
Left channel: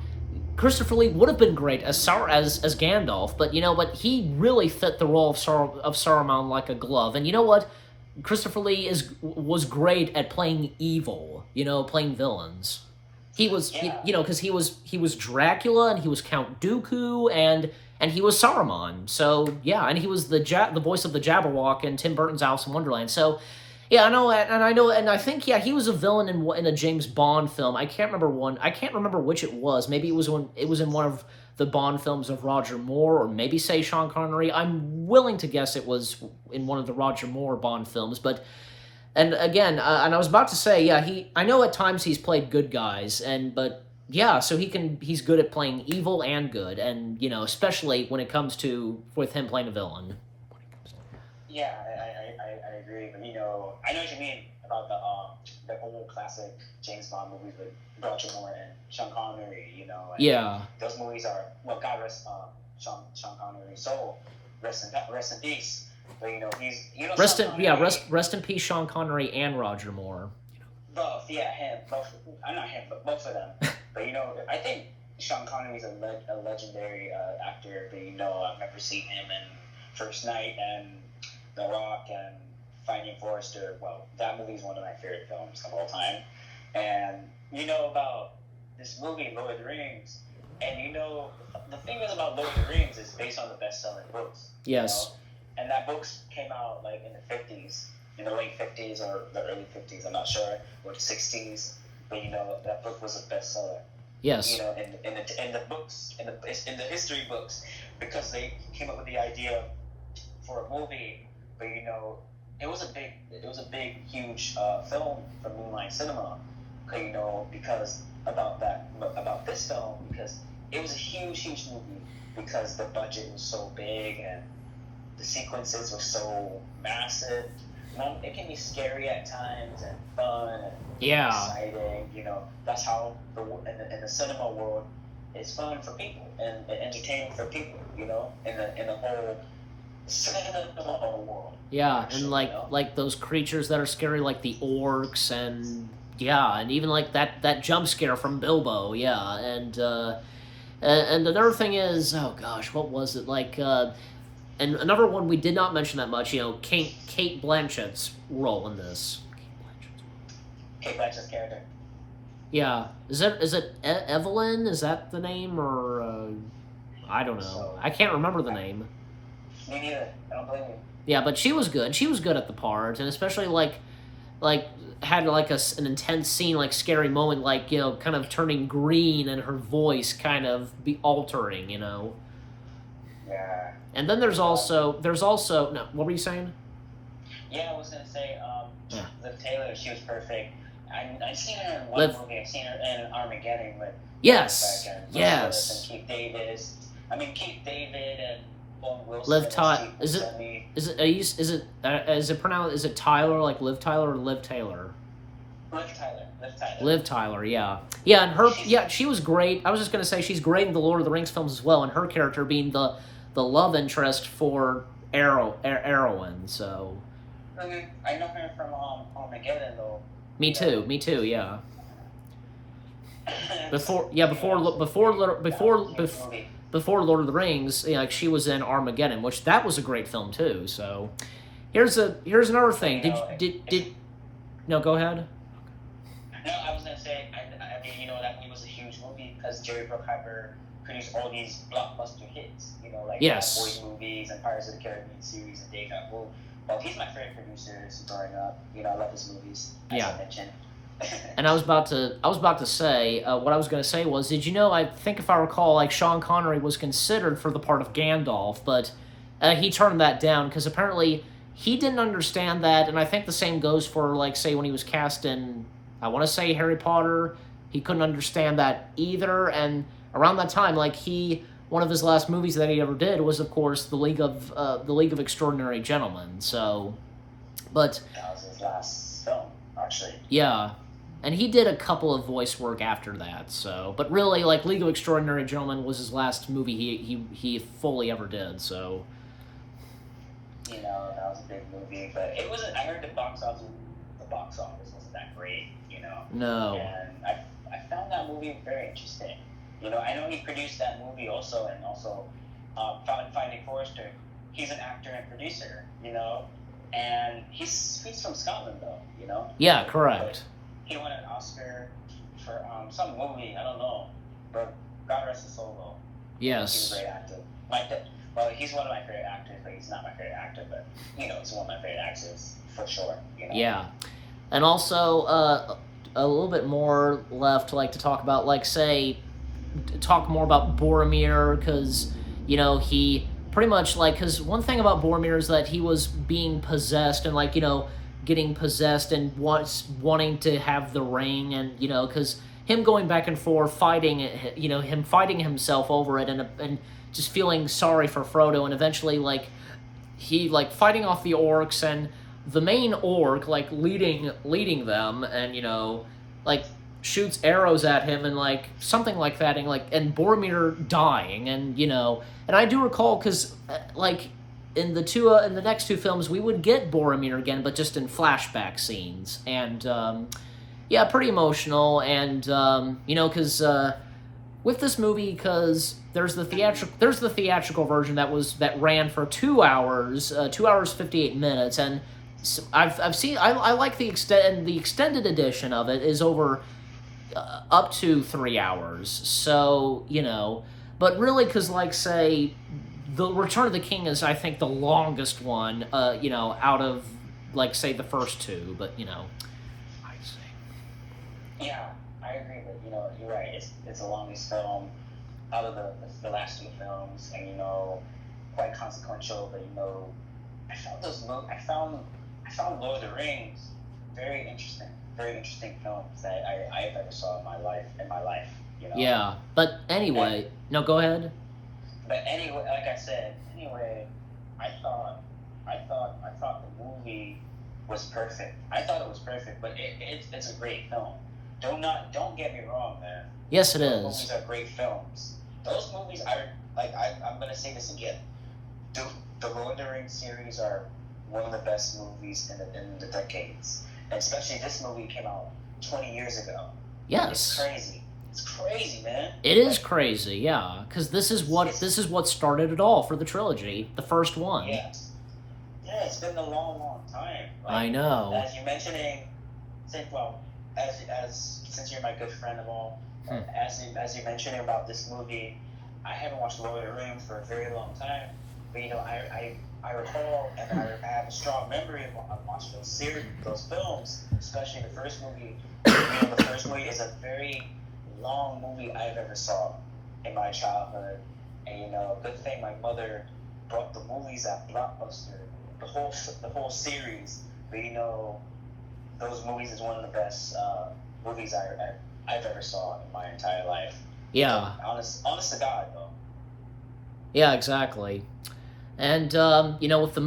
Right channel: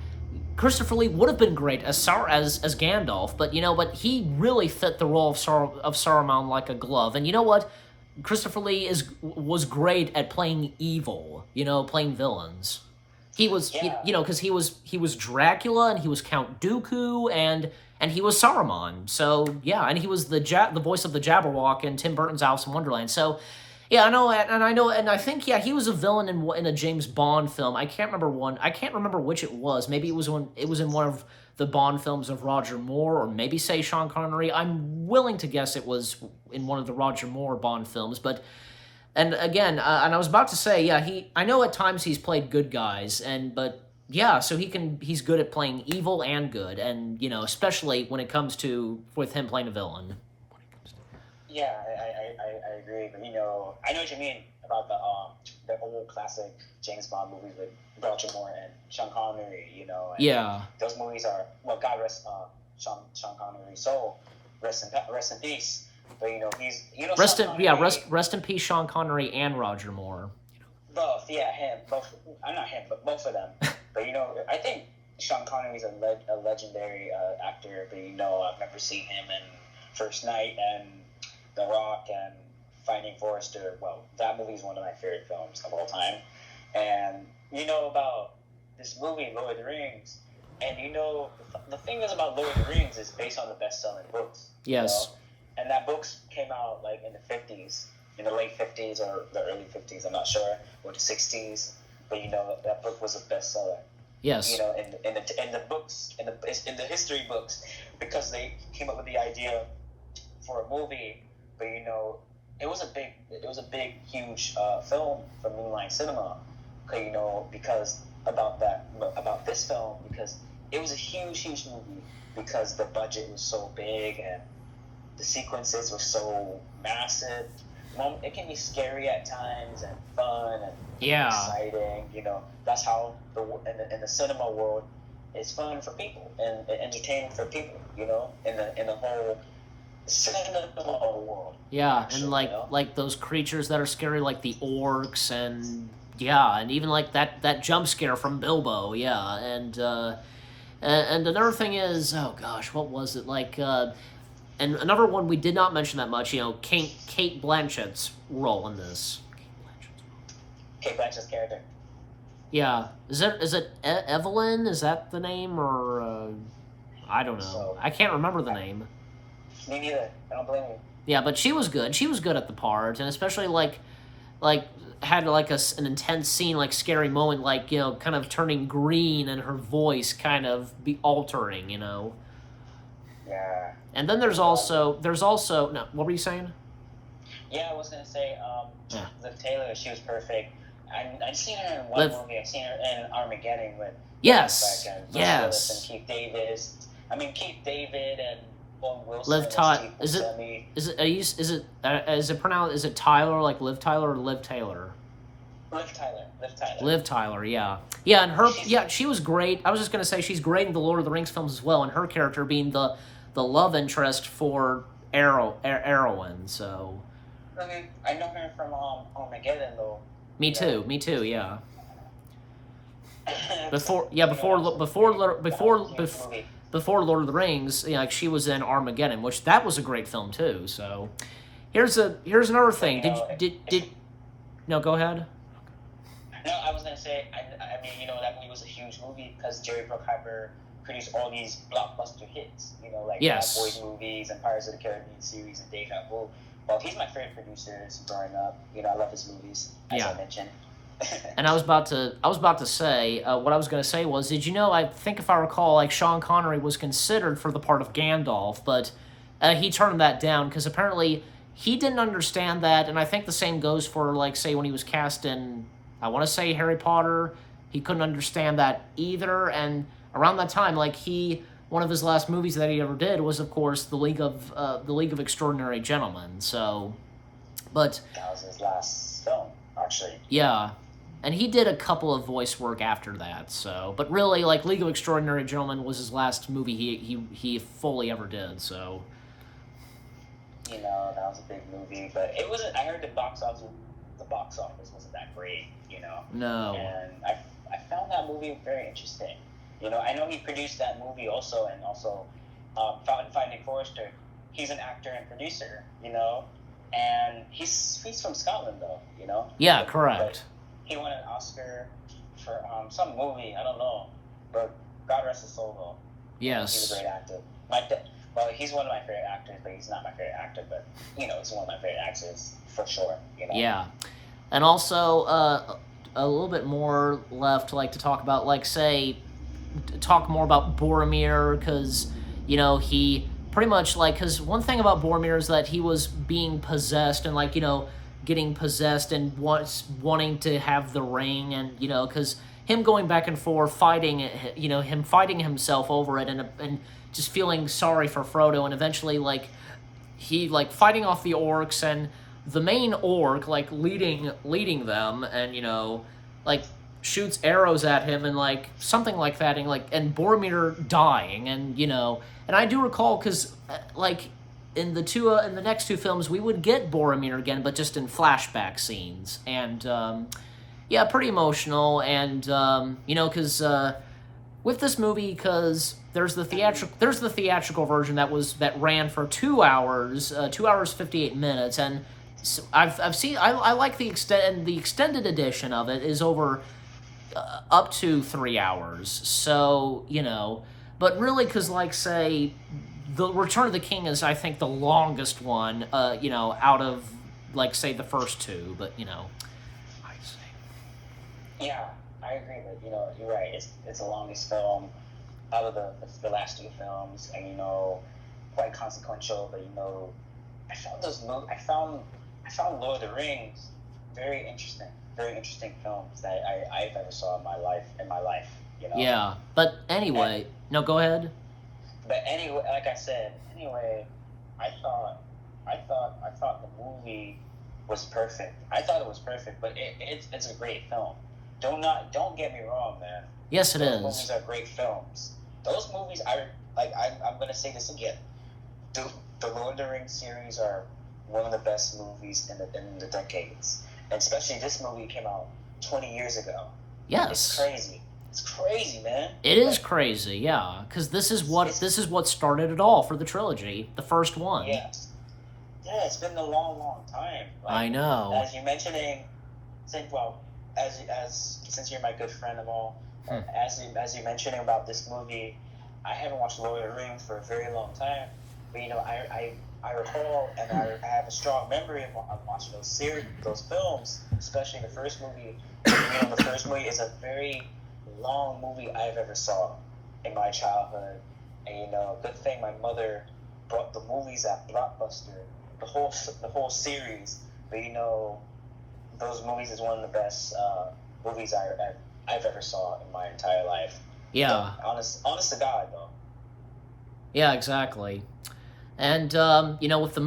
Christopher Lee would have been great as Gandalf, but he really fit the role of Saruman like a glove. And you know what? Christopher Lee was great at playing evil, playing villains. He was, because he was Dracula and he was Count Dooku and he was Saruman. So yeah, and he was the voice of the Jabberwock in Tim Burton's Alice in Wonderland. So yeah, and I think he was a villain in a James Bond film. I can't remember which it was. Maybe it was in one of the Bond films of Roger Moore, or maybe say Sean Connery. I'm willing to guess it was in one of the Roger Moore Bond films. But and again, and I was about to say, yeah, I know at times he's played good guys, but yeah, so he's good at playing evil and good, and especially when it comes to with him playing a villain. Yeah, I agree, but I know what you mean about the old classic James Bond movies with Roger Moore and Sean Connery. Yeah. Those movies are, well, God rest Sean Connery's soul, rest in peace. But rest in peace, Sean Connery and Roger Moore. Both, yeah, him, both. Not him, but both of them. But I think Sean Connery's a legendary actor. But I've never seen him in First Night and The Rock and Finding Forrester. Well, that movie is one of my favorite films of all time. And about this movie, Lord of the Rings, and the thing is about Lord of the Rings is based on the best-selling books. Yes. And that books came out like in the 50s, in the late 50s or the early 50s, I'm not sure, or the 60s. But that book was a bestseller. Yes. In the books, in the history books, because they came up with the idea for a movie. But it was a big, huge film for New Line Cinema. Because about this film, because it was a huge movie, because the budget was so big and the sequences were so massive. It can be scary at times and fun and exciting. That's how in the cinema world, it's fun for people and entertaining for people. In the whole cinema world. Yeah, and like those creatures that are scary, like the orcs, and even like that jump scare from Bilbo. Yeah, and another thing is, oh gosh, what was it like? And another one we did not mention that much, Kate Blanchett's role in this. Kate Blanchett's character. Yeah, is it Evelyn? Is that the name, or I don't know. I can't remember the name. Me neither. I don't blame you. Yeah, but she was good. She was good at the part, and especially like had like an intense scene, like scary moment, like kind of turning green and her voice kind of be altering, Yeah. And then there's also no. What were you saying? Yeah, I was gonna say Liv Taylor. She was perfect. I've seen her in one movie. I've seen her in Armageddon with yes. And Keith David and Owen Wilson. Liv Tyler. Is it Tyler, like Liv Tyler, or Liv Taylor? Liv Tyler, yeah. Yeah, and she was great. I was just gonna say she's great in the Lord of the Rings films as well, and her character being the love interest for Arwen, so. Okay. I know her from Armageddon, though. Me too, yeah. Before Lord of the Rings, like she was in Armageddon, which that was a great film too. So, here's another thing. Did no, go ahead. No, I was gonna say, I mean, that it was a huge movie because Jerry Bruckheimer produced all these blockbuster hits, like yes. Boys movies and Pirates of the Caribbean series and Deja Vu. Well, he's my favorite producer growing up. You know, I love his movies, as Yeah. I mentioned. And I was about to say, what I was going to say was, did you know? I think if I recall, like Sean Connery was considered for the part of Gandalf, but he turned that down because apparently he didn't understand that, and I think the same goes for like say when he was cast in, I want to say Harry Potter, he couldn't understand that either, and around that time, like one of his last movies that he ever did was, of course, the League of Extraordinary Gentlemen. So, but That was his last film, actually. yeah. And he did a couple of voice work after that, so... But really, like, League of Extraordinary Gentlemen was his last movie he fully ever did, so... You know, that was a big movie, but it wasn't... I heard the box office wasn't that great, you know? No. And I found that movie very interesting. You know, I know he produced that movie also, and also Finding Forrester. He's an actor and producer, you know? And he's from Scotland, though, you know? Yeah, correct. But he won an Oscar for some movie, I don't know. But God rest his soul, though. Yes. He's a great actor. Well, he's one of my favorite actors, but he's not my favorite actor. But, you know, he's one of my favorite actors, for sure. You know? Yeah. And also, a little bit more left, like, to talk about, like, say... Talk more about Boromir, because, you know, he... Pretty much, like, because one thing about Boromir is that he was being possessed and, like, you know, getting possessed and wanting to have the ring, and, you know, because him going back and forth, fighting, you know, him fighting himself over it, and just feeling sorry for Frodo, and eventually, like, he, like, fighting off the orcs, and the main orc, like, leading them, and, you know, like, shoots arrows at him and like something like that, and Boromir dying, and you know, and I do recall because like in the next two films we would get Boromir again, but just in flashback scenes, and yeah, pretty emotional, and you know, because with this movie, because there's the theatrical version that ran for 2 hours, 2 hours 58 minutes, and so I've seen I like the extended edition of it is over. Up to 3 hours, so, you know, but really, because, like, say, the Return of the King is, I think, the longest one, you know, out of, like, say, the first two, but, you know, I'd say. Yeah, I agree with, you know, you're right, it's the longest film out of the last two films, and, you know, quite consequential, but, you know, I found Lord of the Rings very interesting films that I ever saw in my life, you know? Yeah, but anyway, no, go ahead. But anyway, like I said, I thought the movie was perfect. I thought it was perfect, but it's a great film. Don't get me wrong, man. Yes, it Those is. movies are great films. Those movies, I'm gonna say this again. The Lord of the Rings series are one of the best movies in the decades. And especially this movie came out 20 years ago. Yes. It's crazy, man. It is crazy, yeah, because this is what started it all for the trilogy, the first one. Yeah, it's been a long time. I know. As you're mentioning, since you're my good friend of all, as you're mentioning about this movie, I haven't watched Lord of the Rings for a very long time. But you know, I recall, and I have a strong memory of watching those films, especially the first movie. The first movie is a very long movie I've ever saw in my childhood, and you know, a good thing my mother brought the movies at Blockbuster, the whole series. But you know, those movies is one of the best movies I've ever saw in my entire life. Yeah. Honest to God, though. Yeah, exactly. And you know, with the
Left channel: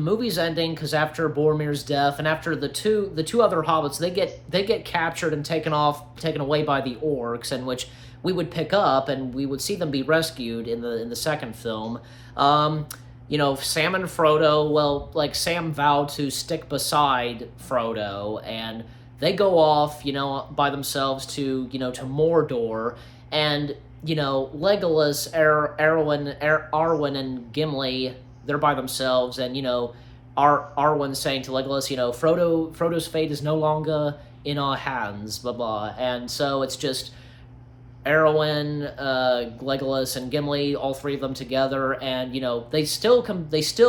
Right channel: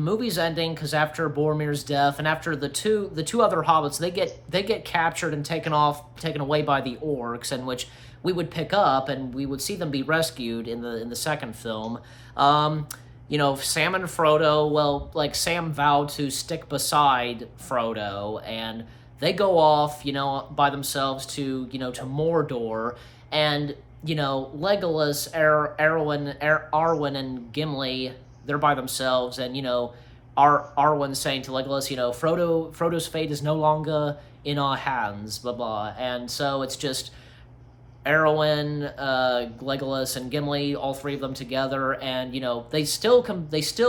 movie's ending, because after Boromir's death, and after the two other hobbits, they get captured and taken away by the orcs, and which we would pick up, and we would see them be rescued in the second film. You know, Sam and Frodo, well, like, Sam vowed to stick beside Frodo, and they go off, you know, by themselves to Mordor, and you know, Legolas, Arwen, and Gimli, they're by themselves, and, you know, Arwen saying to Legolas, you know, Frodo's fate is no longer in our hands, blah, blah, and so it's just, Arwen, Legolas, and Gimli, all three of them together, and they still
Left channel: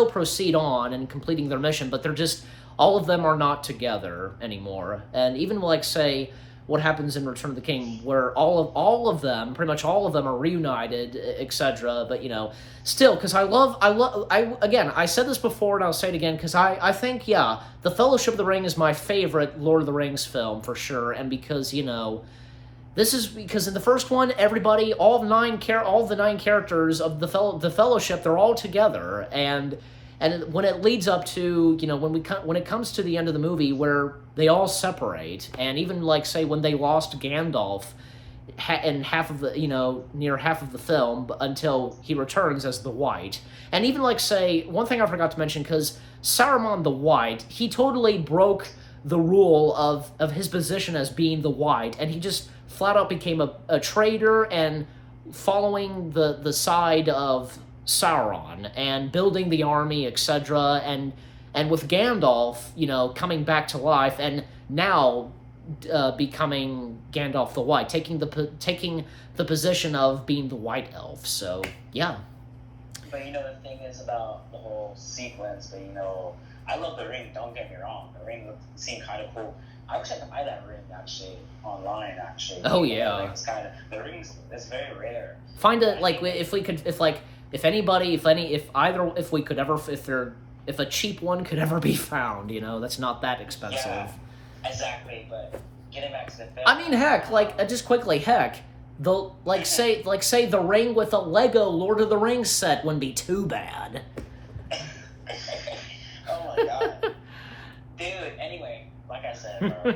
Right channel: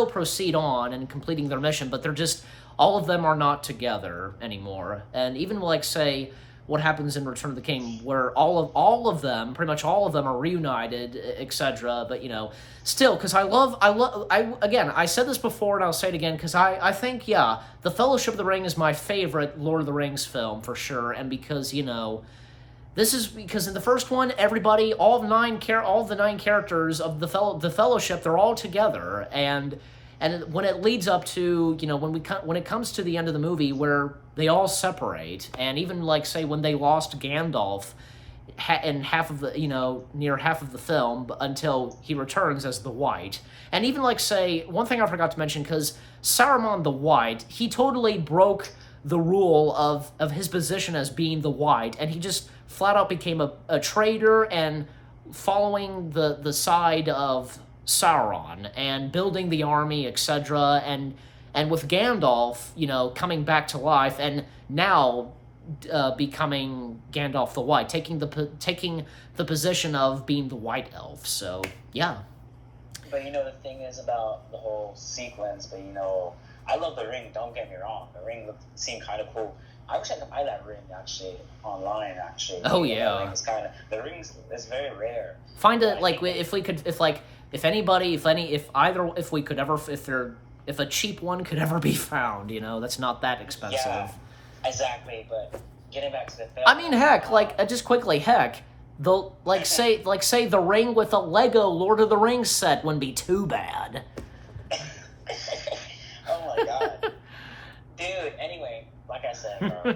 proceed on and completing their mission, but they're just all of them are not together anymore. And even like say what happens in Return of the King, where all of them, pretty much all of them, are reunited, etc. But still, because I said this before and I'll say it again, because I think The Fellowship of the Ring is my favorite Lord of the Rings film for sure, and because this is because in the first one, everybody, all the nine characters of the Fellowship, they're all together, and when it leads up to when it comes to the end of the movie where they all separate, and even like say when they lost Gandalf in half of the near half of the film until he returns as the White, and even like say one thing I forgot to mention, because Saruman the White, he totally broke the rule of his position as being the White, and he just flat out became a traitor and following the side of Sauron and building the army, etc. And with Gandalf, coming back to life and now becoming Gandalf the White, taking the position of being the White Elf. So yeah. But the thing is about the whole sequence. But I love the ring. Don't get me wrong. The ring seemed kind of cool. I wish I could buy that ring actually online. Actually. Oh yeah. The ring is very rare. Find it like if we could if a cheap one could ever be found, that's not that expensive. Yeah, exactly. But getting back to the film, I mean, heck, just quickly, say the ring with a Lego Lord of the Rings set wouldn't be too bad. Oh my god, dude. Anyway, like I said, bro, I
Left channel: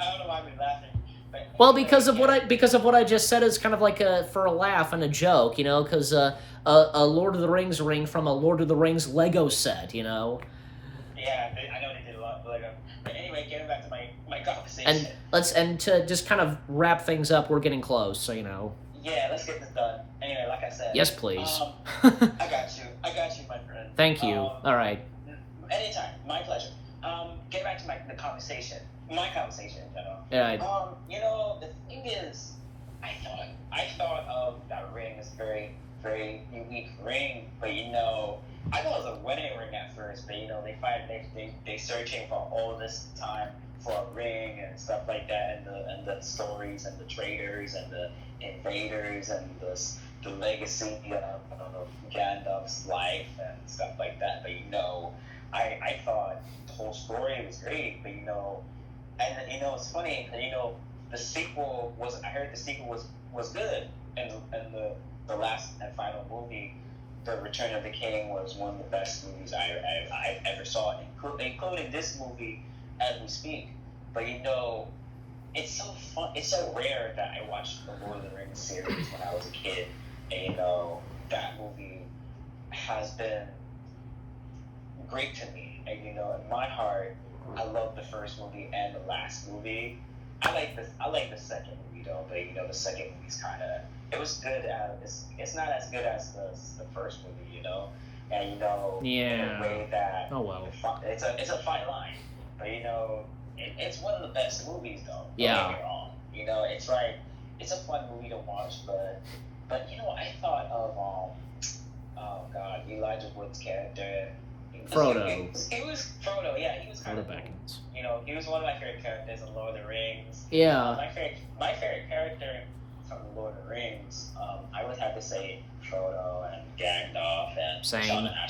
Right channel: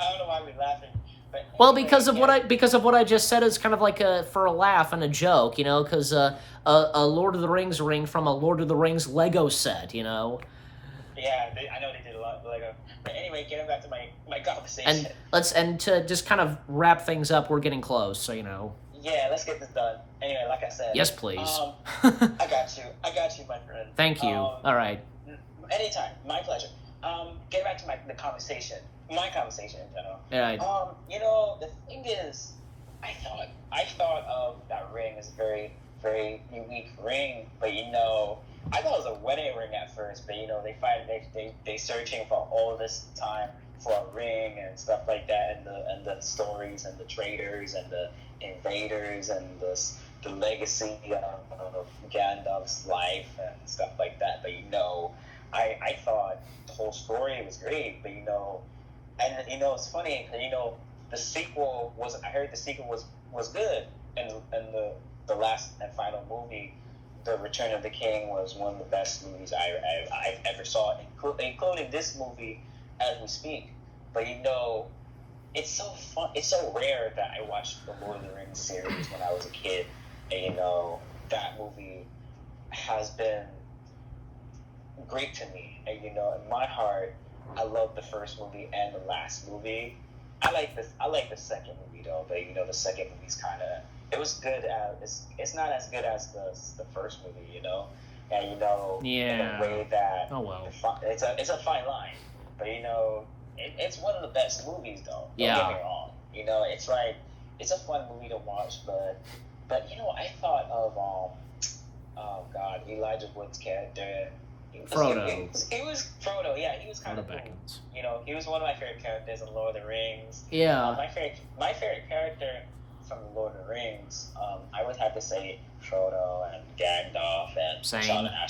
don't know why we're laughing. Well, because of what I just said is kind of like for a laugh and a joke, because a Lord of the Rings ring from a Lord of the Rings Lego set, Yeah, I know they did a lot of Lego. But anyway, getting back to my conversation. And to just kind of wrap things up, we're getting close, so Yeah, let's get this done. Anyway, like I said. Yes, please. I got you, my friend. Thank you. All right. Anytime, my pleasure. Get back to the conversation. My conversation in general. Right. The thing is, I thought of that ring as a very, very unique ring, but I thought it was a wedding ring at first, but they searching for all this time for a ring and stuff like that, and the stories and the traders and the invaders and the legacy of Gandalf's life and stuff like that. But I thought the whole story was great, but and it's funny because the sequel was, I heard the sequel was good, and the last and final movie, The Return of the King, was one of the best movies I ever saw, including this movie as we speak. But it's so fun, it's so rare that I watched the Lord of the Rings series when I was a kid, and that movie has been great to me, and in my heart, I love the first movie and the last movie. I like the second movie though, but the second movie's kind of, it was good. It's not as good as the first movie, and yeah. In a way that it's a fine line, but it's one of the best movies though. Yeah. Don't get me wrong. It's like it's a fun movie to watch, but I thought of oh god, Elijah Wood's character. Frodo. He was Frodo, yeah. He was kind of cool. Baggins. He was one of my favorite characters in Lord of the Rings. Yeah. My favorite character from Lord of the Rings, I would have to say Frodo and Gandalf and Same. I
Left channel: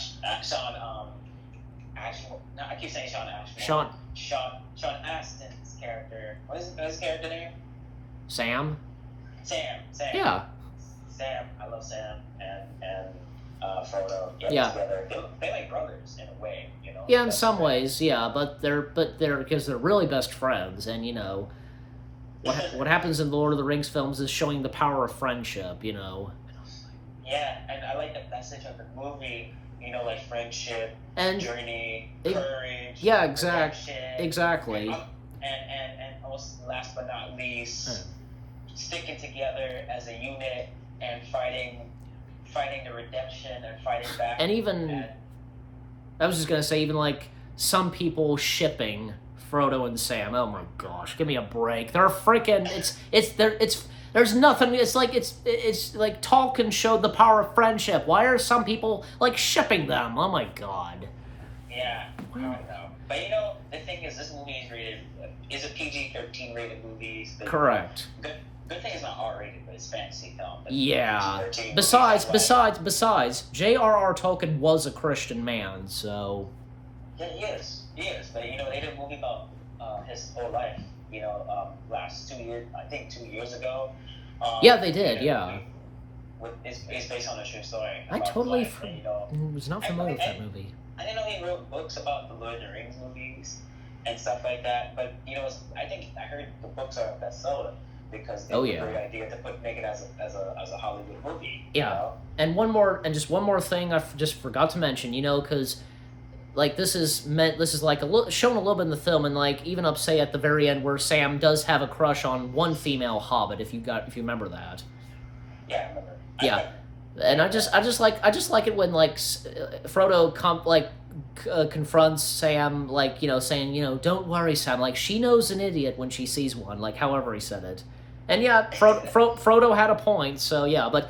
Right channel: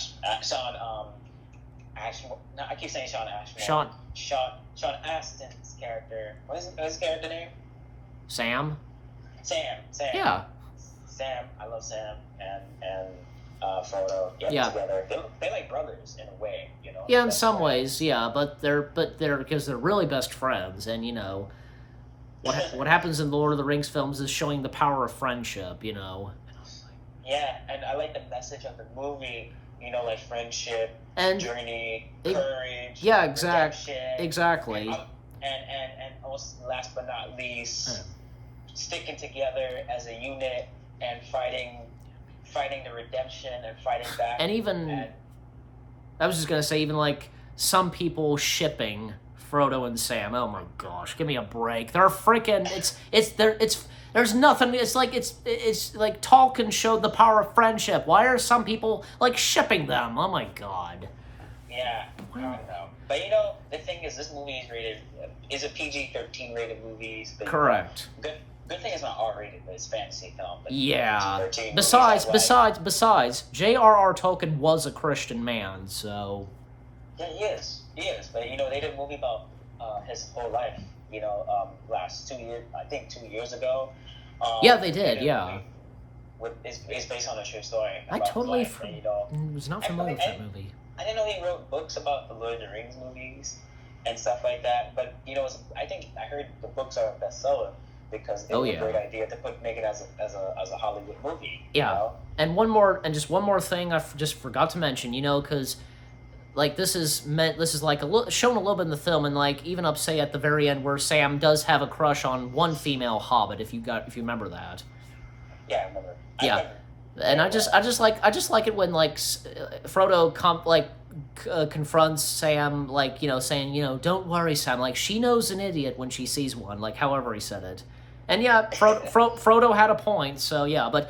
keep saying Sean Ashton. Sean Astin's character. What is his character name? Sam. Yeah. Sam. I love Sam and Frodo. Yeah. Together. They're like brothers in a way, Yeah, in some ways, yeah, but they're because they're really best friends, and what happens in the Lord of the Rings films is showing the power of friendship, Yeah, and I like the message of the movie, like friendship, and journey, courage. Yeah, exactly. And also, last but not least, sticking together as a unit and fighting the redemption and fighting back. And even, I was just gonna say, even like some people shipping Frodo and Sam. Oh my gosh, give me a break. They're freaking. There's nothing. It's like Tolkien showed the power of friendship. Why are some people like shipping them? Oh my god. Yeah, I don't know. But the thing is, this movie is a PG-13 rated movie. Correct. Good thing it's not R-rated, but it's fantasy film. Yeah. Besides, J.R.R. Tolkien was a Christian man, so. Yeah, he is. But they did a movie about his whole life. Last 2 years, I think 2 years ago. Yeah, they did. Yeah. It's based on a true story. I totally was not familiar with that movie. I didn't know he wrote books about the Lord of the Rings movies and stuff like that. But I think I heard the books are a bestseller because they have a great idea to make it as a Hollywood movie. Yeah, and just one more thing I just forgot to mention. because this is like shown a little bit in the film, and even up say at the very end where Sam does have a crush on one female hobbit. If you remember that. Yeah, I remember. Yeah. And I just like it when Frodo confronts Sam saying don't worry Sam, she knows an idiot when she sees one, however he said it, and yeah, Frodo had a point. So yeah, but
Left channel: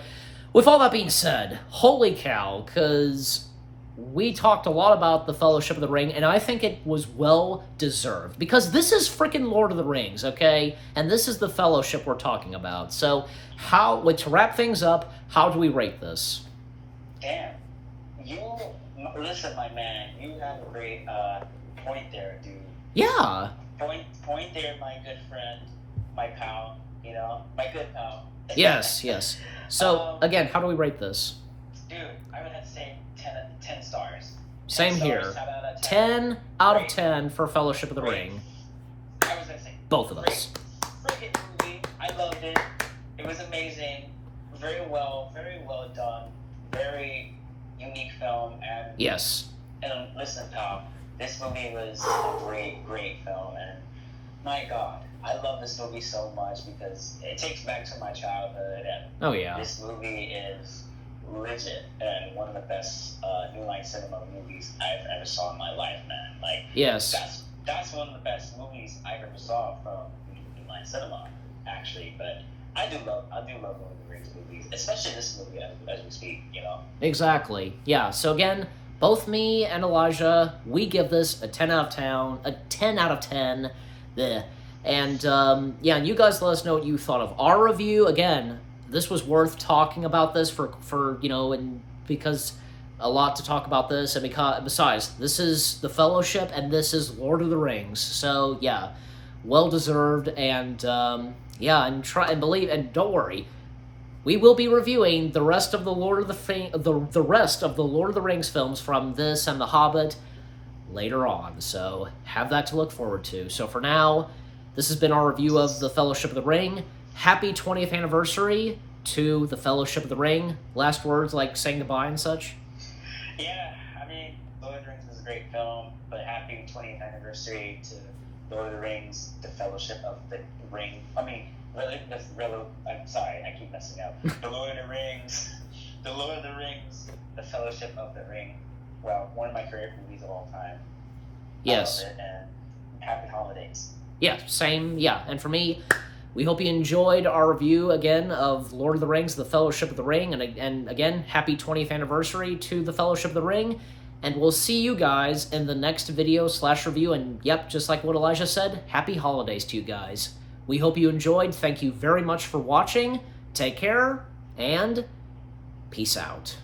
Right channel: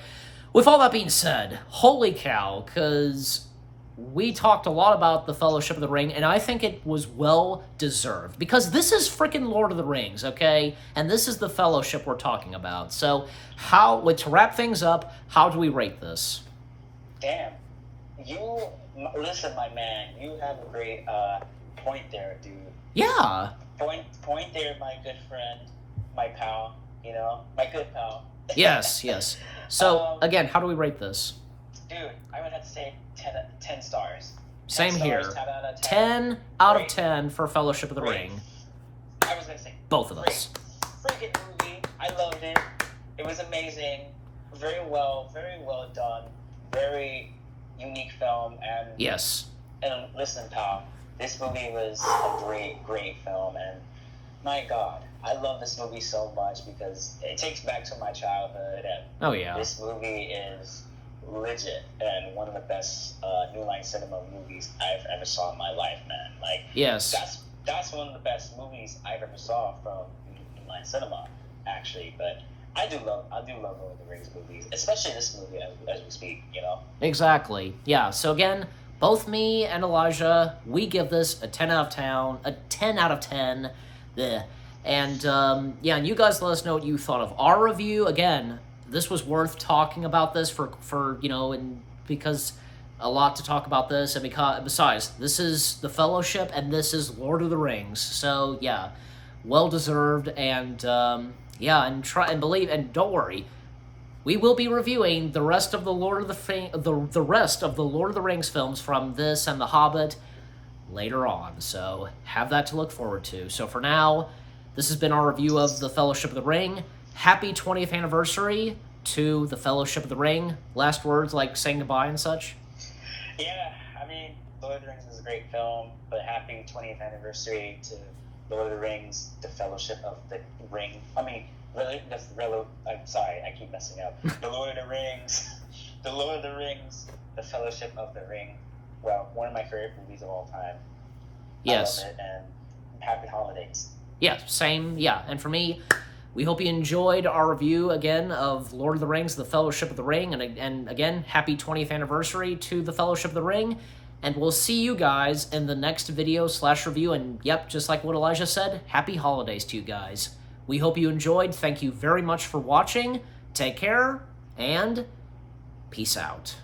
with all that being said, holy cow, because we talked a lot about the Fellowship of the Ring, and I think it was well deserved because this is freaking Lord of the Rings, okay? And this is the Fellowship we're talking about. So, to wrap things up, how do we rate this? Damn, listen, my man, you have a great point there, dude. Yeah. Point there, my good friend, my pal. My good pal. Yes. So again, how do we rate this? Dude, I would have to say 10 stars. Same here. 10 out of 10 for Fellowship of the Ring. I was gonna say both of us. Freaking movie. I loved it. It was amazing. Very well done. Very unique film. And yes. And listen, pal, this movie was a great film, and my God, I love this movie so much because it takes back to my childhood, and this movie is legit and one of the best New Line Cinema movies I've ever saw in my life, man. Yes. That's one of the best movies I've ever saw from New Line Cinema, actually. But I do love Lord of the Rings movies, especially this movie as we speak. Exactly. Yeah. So again, both me and Elijah, we give this a 10 out of 10. Bleh. And and you guys let us know what you thought of our review. Again, this was worth talking about this for and because a lot to talk about this, and besides, this is the Fellowship and this is Lord of the Rings. So yeah, well deserved, and and try and believe, and don't worry, we will be reviewing the rest of the Lord of the Lord of the Rings films from this and The Hobbit later on. So have that to look forward to. So for now, this has been our review of the Fellowship of the Ring. Happy 20th anniversary to the Fellowship of the Ring. Last words, saying goodbye and such. Yeah, Lord of the Rings is a great film, but happy 20th anniversary to Lord of the Rings, the Fellowship of the Ring. I'm sorry, I keep messing up. The Lord of the Rings, the Fellowship of the Ring. Well, one of my favorite movies of all time. Yes. I love it, and happy holidays. Yeah, same. Yeah, and for me, we hope you enjoyed our review again of Lord of the Rings, The Fellowship of the Ring, and again, happy 20th anniversary to The Fellowship of the Ring, and we'll see you guys in the next video/review, and yep, just like what Elijah said, happy holidays to you guys. We hope you enjoyed. Thank you very much for watching. Take care, and peace out.